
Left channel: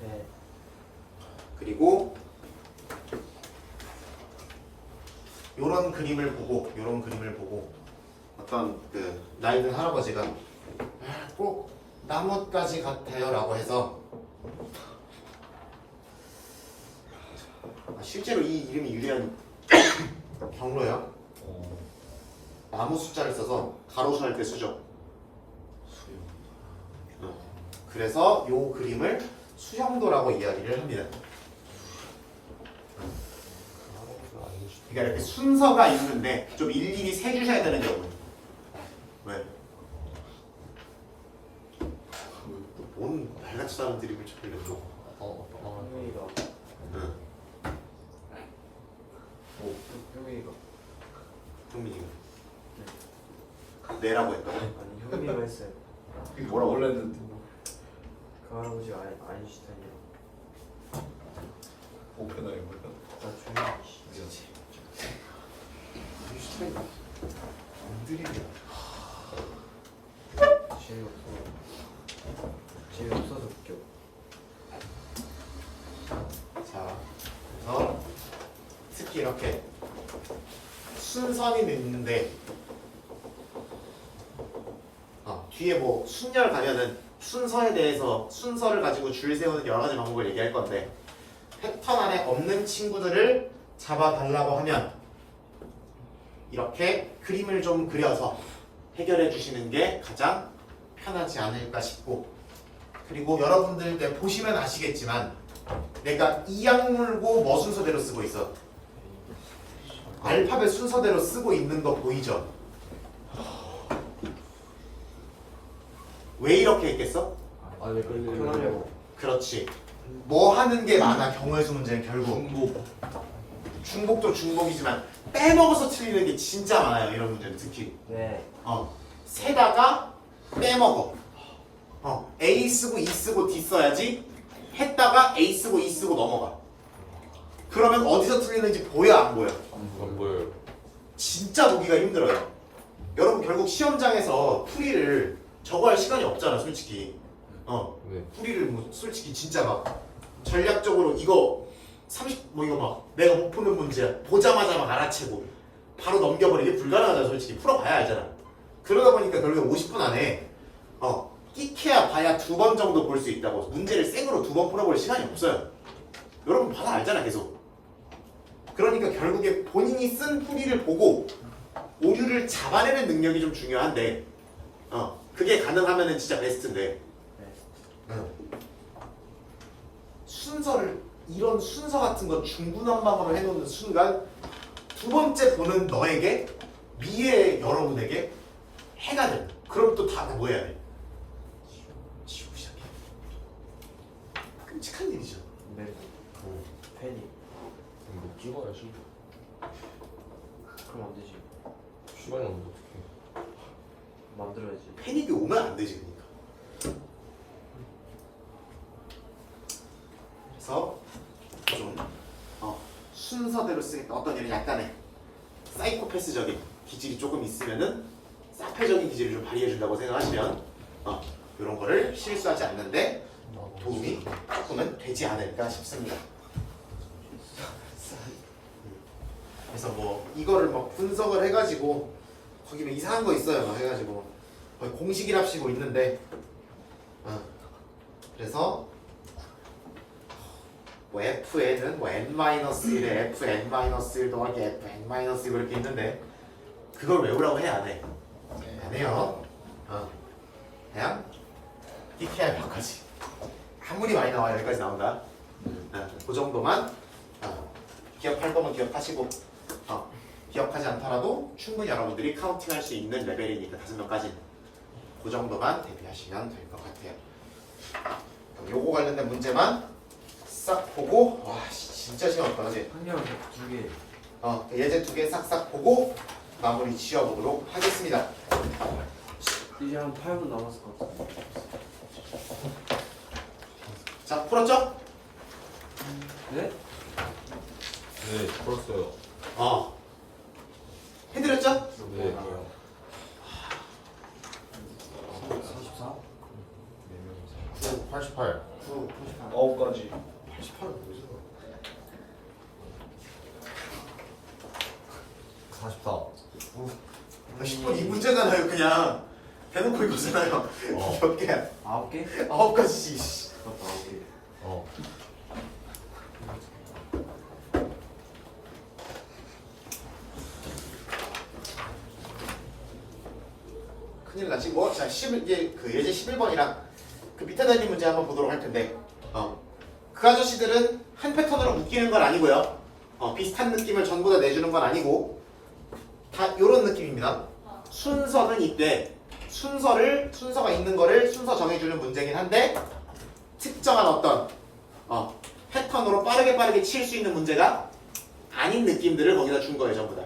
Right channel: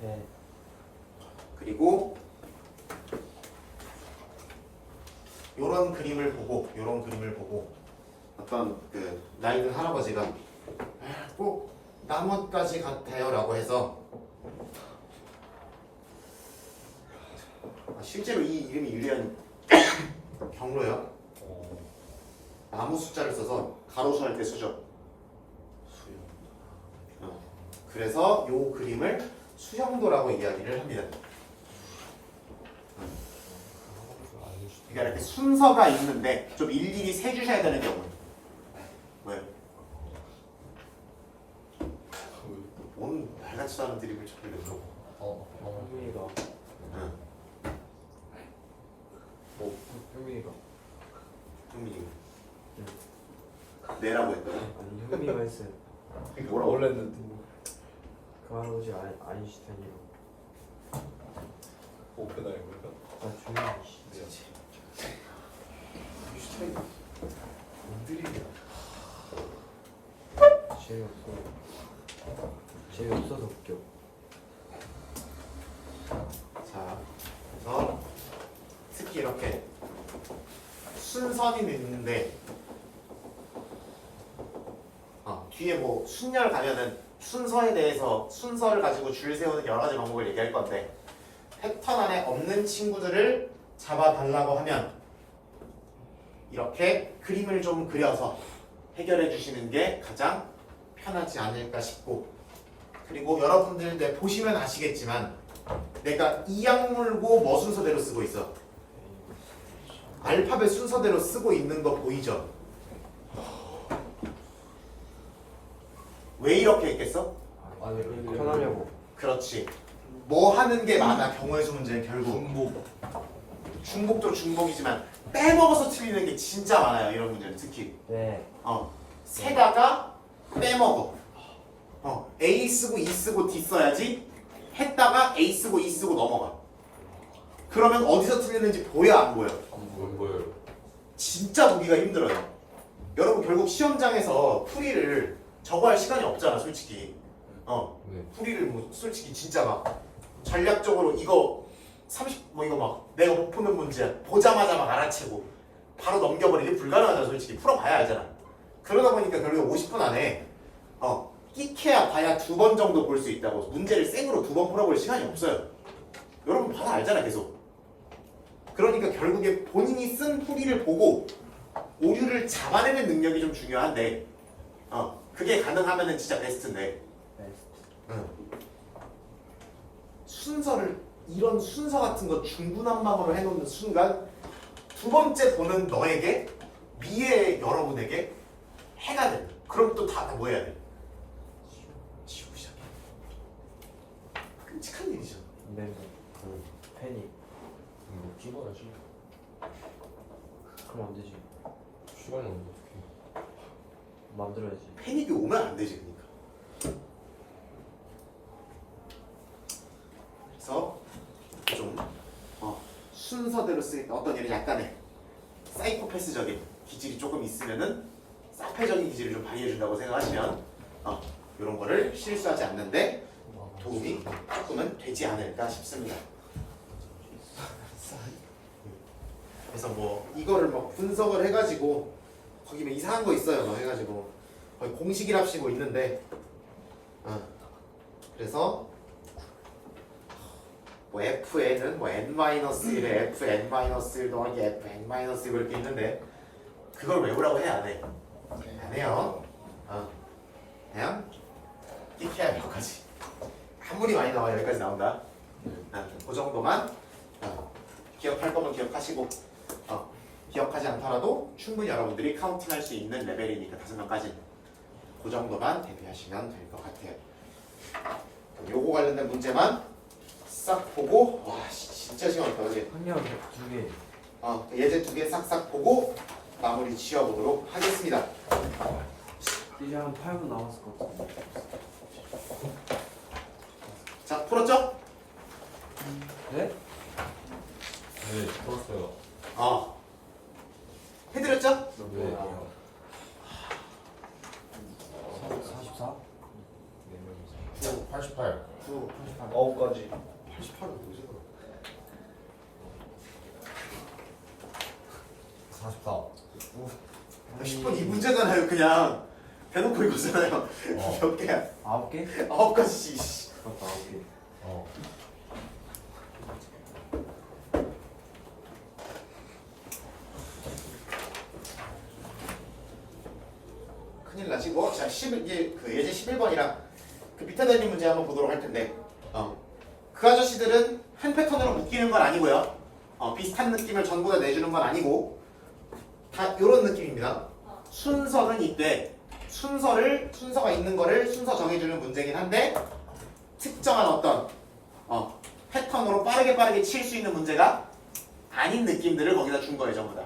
네. 그리고 요런 그림을 보고 어떤 그 나이 든 할아버지가 꼭 나뭇가지 같아요 라고 해서 실제로 이 이름이 유리한 경로요. 나무 숫자를 써서 가로수 할 때 쓰죠. 그래서 요 그림을 수형도라고 이야기를 합니다. 그러니까 이렇게 순서가 있는데 좀 일일이 세주셔야 되는 경우. 왜? 뭔 말같지도 않은 드립을 쳐버렸어. 형이가 응. 형이가 형민이가 내라고 했다고? 아니 형이가 했어요. 이게 뭐라고? 원래 했는데 그 할아버지 아인슈타인이요. 오펜하이머가 아 조용히 씨. 아인슈타인 드립이야. 재미없어서 웃겨. 자, 그래서 특히 이렇게 순선이 있는데 뒤에 뭐 순열 가면은 순서에 대해서 순서를 가지고 줄 세우는 여러 가지 방법을 얘기할 건데 패턴 안에 없는 친구들을 잡아달라고 하면 이렇게 그림을 좀 그려서 해결해 주시는 게 가장 편하지 않을까 싶고 그리고 여러분들 네, 보시면 아시겠지만 내가 이 약물고 뭐 순서대로 쓰고 있어? 알파벳 순서대로 쓰고 있는 거 보이죠? 왜 이렇게 했겠어? 아니 편하려고. 그렇지. 뭐 하는 게 많아 경우의 수 문제는 결국 중복도 중복이지만 빼먹어서 틀리는 게 진짜 많아요 이런 문제는 특히 네. 세다가 빼먹어 A 쓰고 E 쓰고 D 써야지 했다가 A 쓰고 E 쓰고 넘어가 그러면 어디서 틀리는지 보여 안 보여? 안 보여요. 진짜 보기가 힘들어요. 여러분 결국 시험장에서 풀이를 저거 할 시간이 없잖아 솔직히. 네. 풀이를 뭐 솔직히 진짜 막 전략적으로 이거 30 뭐 이거 막 내가 못 푸는 문제야 보자마자 막 알아채고 바로 넘겨버리기 불가능하잖아 솔직히. 풀어봐야 알잖아. 그러다 보니까 결국에 50분 안에 끼케야 봐야 2번 정도 볼 수 있다고. 문제를 생으로 2번 풀어볼 시간이 없어요. 여러분 봐도 알잖아 계속. 그러니까 결국에 본인이 쓴 풀이를 보고 오류를 잡아내는 능력이 좀 중요한데 그게 가능하면은 진짜 베스트인데 순서를 이런 순서 같은 거 중구난방으로 해놓는 순간 두 번째 보는 너에게 미래의 여러분에게 해가 돼. 그럼 또 다 뭐 해야 돼? 지우고 시작해. 끔찍한 일이죠. 네. 팬이. 뭐 찍어야지. 그럼 안 되지. 시간이 없는데 어떡해. 만들어야지. 패닉이 오면 안 되지 그러니까. 그래서 좀 순서대로 쓰겠다. 어떤 일은 약간의 사이코패스적인 기질이 조금 있으면은 사페적인 기질을 좀 발휘해준다고 생각하시면 이런 거를 실수하지 않는데 도움이 조금은 되지 않을까 싶습니다. 그래서 뭐 이거를 막 분석을 해가지고 거기 뭐 이상한 거 있어요. 막 해가지고 거의 공식이랍시고 있는데 그래서 뭐 fn은 뭐 n-1에 fn-1 더하기 fn-1 이렇게 있는데 그걸 외우라고 해 안 해? 안 해요. 그냥 끼케야 몇까지 아무리 많이 나와요. 여기까지 나온다. 그 정도만 기억할 거면 기억하시고 기억하지 않더라도 충분히 여러분들이 카운팅할 수 있는 레벨이니까 5명까지는 그 정도만 대비하시면 될 것 같아요. 그럼 요거 관련된 문제만 싹 보고 와 진짜 시간없다 그지? 한명 2개. 예제 2개 싹싹 보고 마무리 지어보도록 하겠습니다. 이제 한 8분 남았을 것 같은데. 자 풀었죠? 네? 네, 풀었어요. 해드렸죠? 네. 44? 88. 9, 9가지. 88은 뭐지? 44. 10분 이 문제잖아요. 그냥 대놓고 이거잖아요. 몇 개야? 9개? 9가지. 맞다, 9개. 큰일 나지 뭐. 자, 이제 그 예제 11번이랑 그 밑에 달린 문제 한번 보도록 할 텐데 그 아저씨들은 한 패턴으로 묶이는 건 아니고요. 비슷한 느낌을 전부 다 내주는 건 아니고 다 이런 느낌입니다. 순서는 이때 순서가 있는 거를 순서 정해주는 문제긴 한데 특정한 어떤 패턴으로 빠르게 칠 수 있는 문제가 아닌 느낌들을 거기다 준 거예요. 전부 다.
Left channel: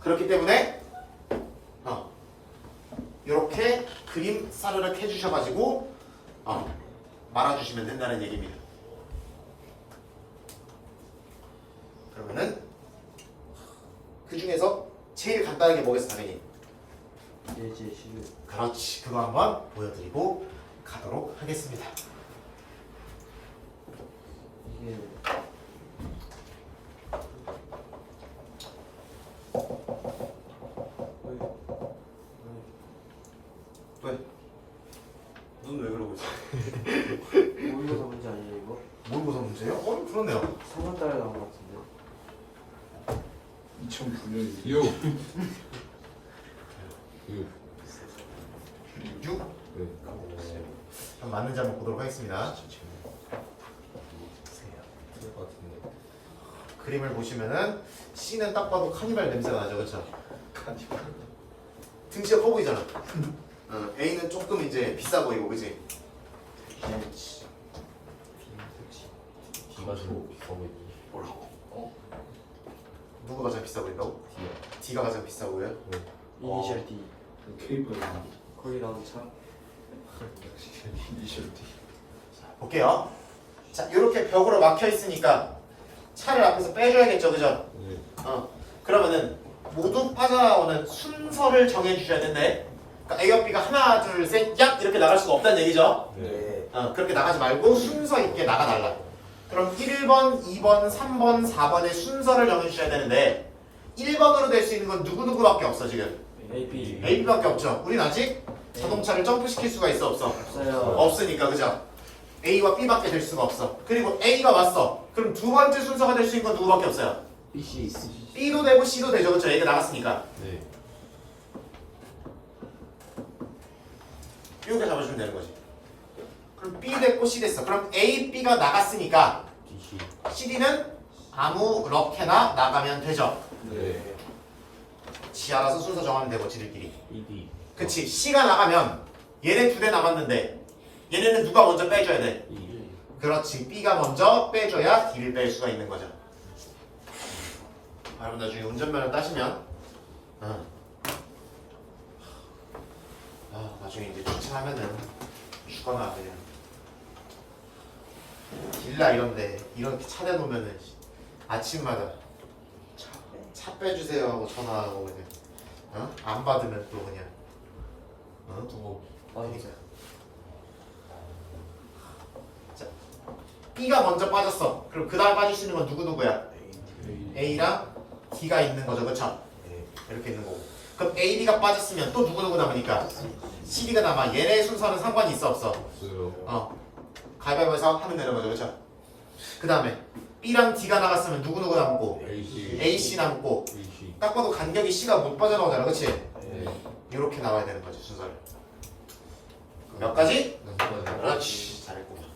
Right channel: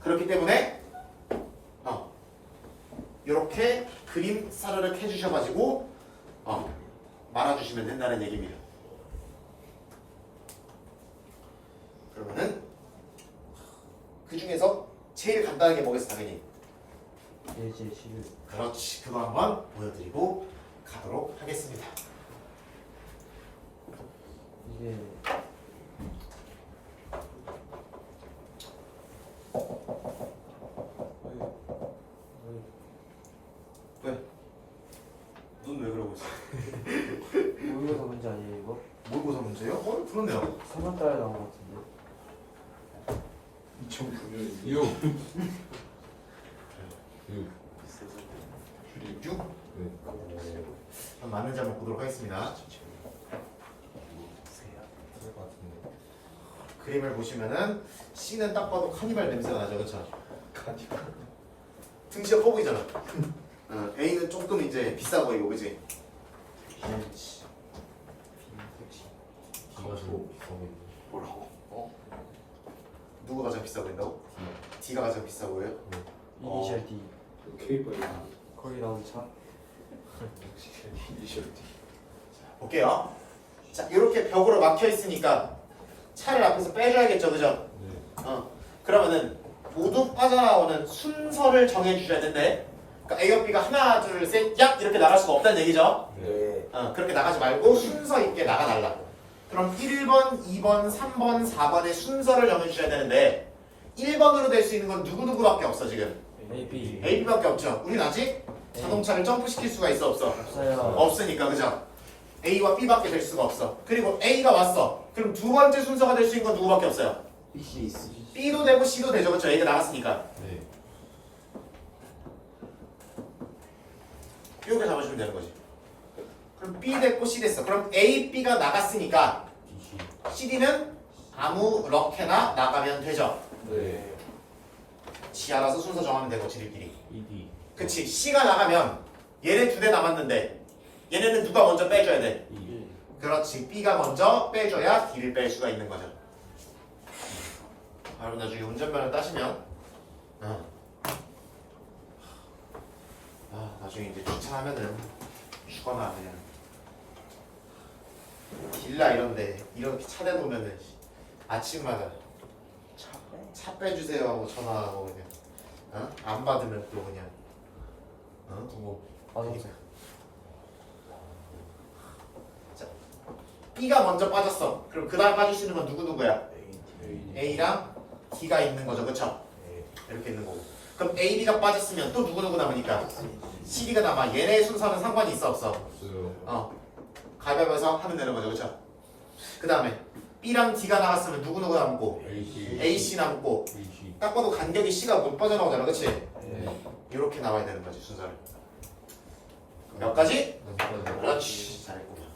그렇기 때문에 이렇게 그림 사르륵 해주셔가지고 말아주시면 된다는 얘기입니다. 그러면은 그 중에서 제일 간단한 게 뭐겠어 당연히? 예제 11. 그렇지. 그거 한번 보여드리고 가도록 하겠습니다. 이게 왜? 눈 왜 그러고 있어? 모의고사 문제 아니에요 이거? 모의고사 문제요? 그렇네요. 3월 달에 나온 것 같은데. 2009년 6. 6. 6? 네. 그럼 맞는지 한번 보도록 하겠습니다. 틀릴 것 같은데. 그림을 보시면은 C는 딱 봐도 카니발 냄새가 나죠, 그렇죠? 등치가 커 보이잖아. A는 조금 이제 비싸 보이고, 그지? 벤치. D가 제일 비싸 보이네. 뭐라고? 누가 가장 비싸 보인다고? D가 가장 비싸 보여요? 이니셜 D. K번이나 거기 나온 차. 이니셜 D. 볼게요. 자, 이렇게 벽으로 막혀 있으니까 차를 앞에서 빼줘야겠죠, 그죠? 네. 그러면은 모두 빠져나오는 순서를 정해주셔야 되는데, 그러니까 A와 B가 하나, 둘, 셋, 얍 이렇게 나갈 수가 없다는 얘기죠. 네. 그렇게 나가지 말고 순서 있게 나가달라고. 그럼 1번, 2번, 3번, 4번의 순서를 정해주셔야 되는데 1번으로 될 수 있는 건 누구누구밖에 없어 지금. AB A, B밖에 없죠. 우린 아직 자동차를 점프시킬 수가 있어 없어? 없어요. 없으니까 그죠? A와 B밖에 될 수가 없어. 그리고 A가 왔어. 그럼 두 번째 순서가 될 수 있는 건 누구밖에 없어요? BC 있으시. B도 되고 C도 되죠. 그쵸? 얘가 나갔으니까. 네. 이렇게 잡아주면 되는 거지. 그럼 B 됐고 C 됐어. 그럼 A, B가 나갔으니까 DC. CD는 아무렇게나 나가면 되죠. 네. 지 알아서 순서 정하면 되고 지들끼리. ED. 그치. C가 나가면 얘네 두 대 남았는데 얘네는 누가 먼저 빼줘야 돼? E. 그렇지. B가 먼저 빼줘야 D를 뺄 수가 있는 거죠. 여러분 나중에 운전면허 따시면 나중에 이제 주차하면은 죽거나 그냥 길라 이런데 이렇게 차 대놓으면은 아침마다 차 빼주세요 하고 전화하고 그냥 안 받으면 또 그냥 맞았어요. 자, B가 먼저 빠졌어. 그럼 그 다음 빠질 수 있는 건 누구누구야? A랑 D가 있는 거죠, 그쵸? 이렇게 있는 거고. 그럼 A, D가 빠졌으면 또 누구누구 남으니까 C, D가 남아. 얘네 순서는 상관이 있어 없어? 없어요. 가위바위보에서 하면 되는 거죠, 그쵸? 그 다음에 B랑 D가 나갔으면 누구누구 남고 AC. A, C 남고 AC. 딱 봐도 간격이 C가 못 빠져나오잖아, 그치? 네. 이렇게 나와야 되는 거지, 순서를. 몇 가지? 몇 가지? 그렇지, 잘했구만.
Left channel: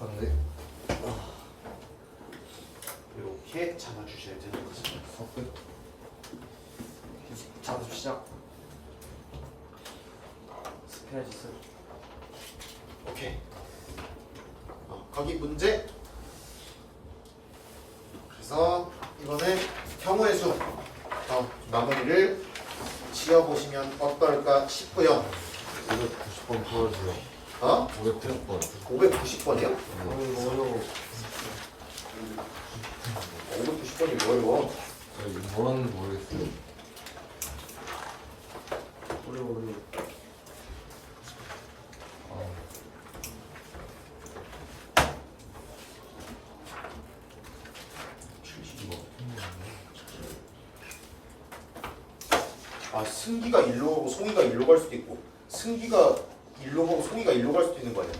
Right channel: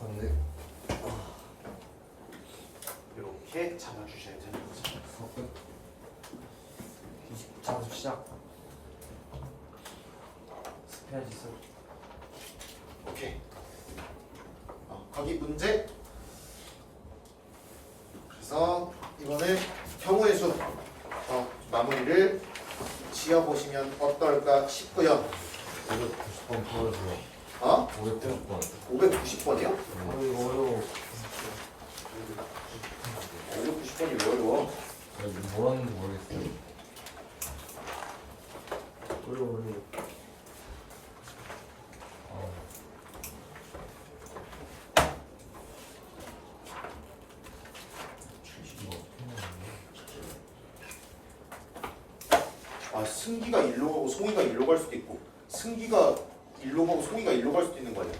맞네. 이렇게 잡아주셔야 되는 거죠. 작업 시작. 스페어지스. 오케이. 거기 문제. 그래서 이거는 경우의 수 마무리를 지어보시면 어떨까 싶고요. 590번 풀어주세요. 590번. 590번이요? 어려워. 590번이 왜 어려워? 뭐라는지 모르겠어요. 어려워. 승기가 일로 오고 송이가 일로 갈 수도 있고 승기가 일로 가고 송이가 일로 갈 수도 있는 거예요.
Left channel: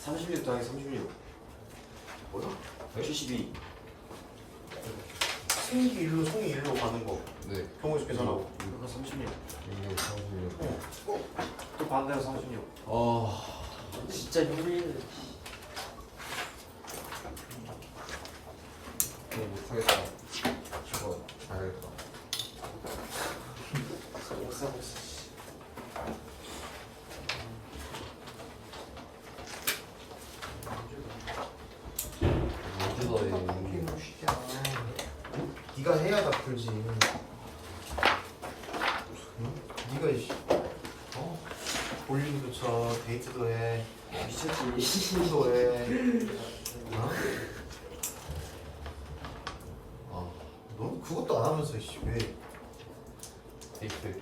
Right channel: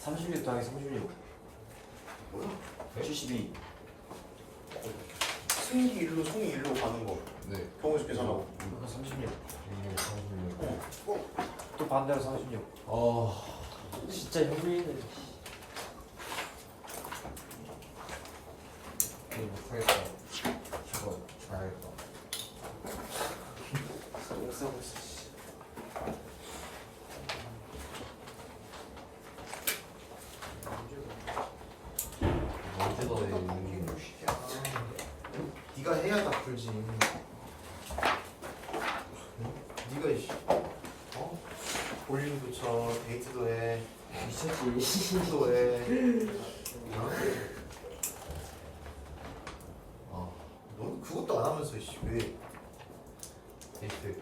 36 더하기 36. 뭐야? 72. 승기 일로 송이 일로 가는 거 네. 경우의 수 계산하고 그거 36. 이게 36. 또 반대로 36. 진짜 힘들네. 못하겠다. 이거 가야겠다. 못 사고 있어. 언제 더 네가 해야 다 풀지. 네가 볼링도 쳐, 데이트도 해, 미쳤지. 시도 해. 너 그것도 안 하면서 왜? 데이트.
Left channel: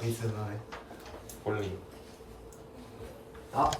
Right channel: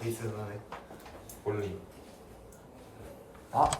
데이트는 하네. 볼링. 아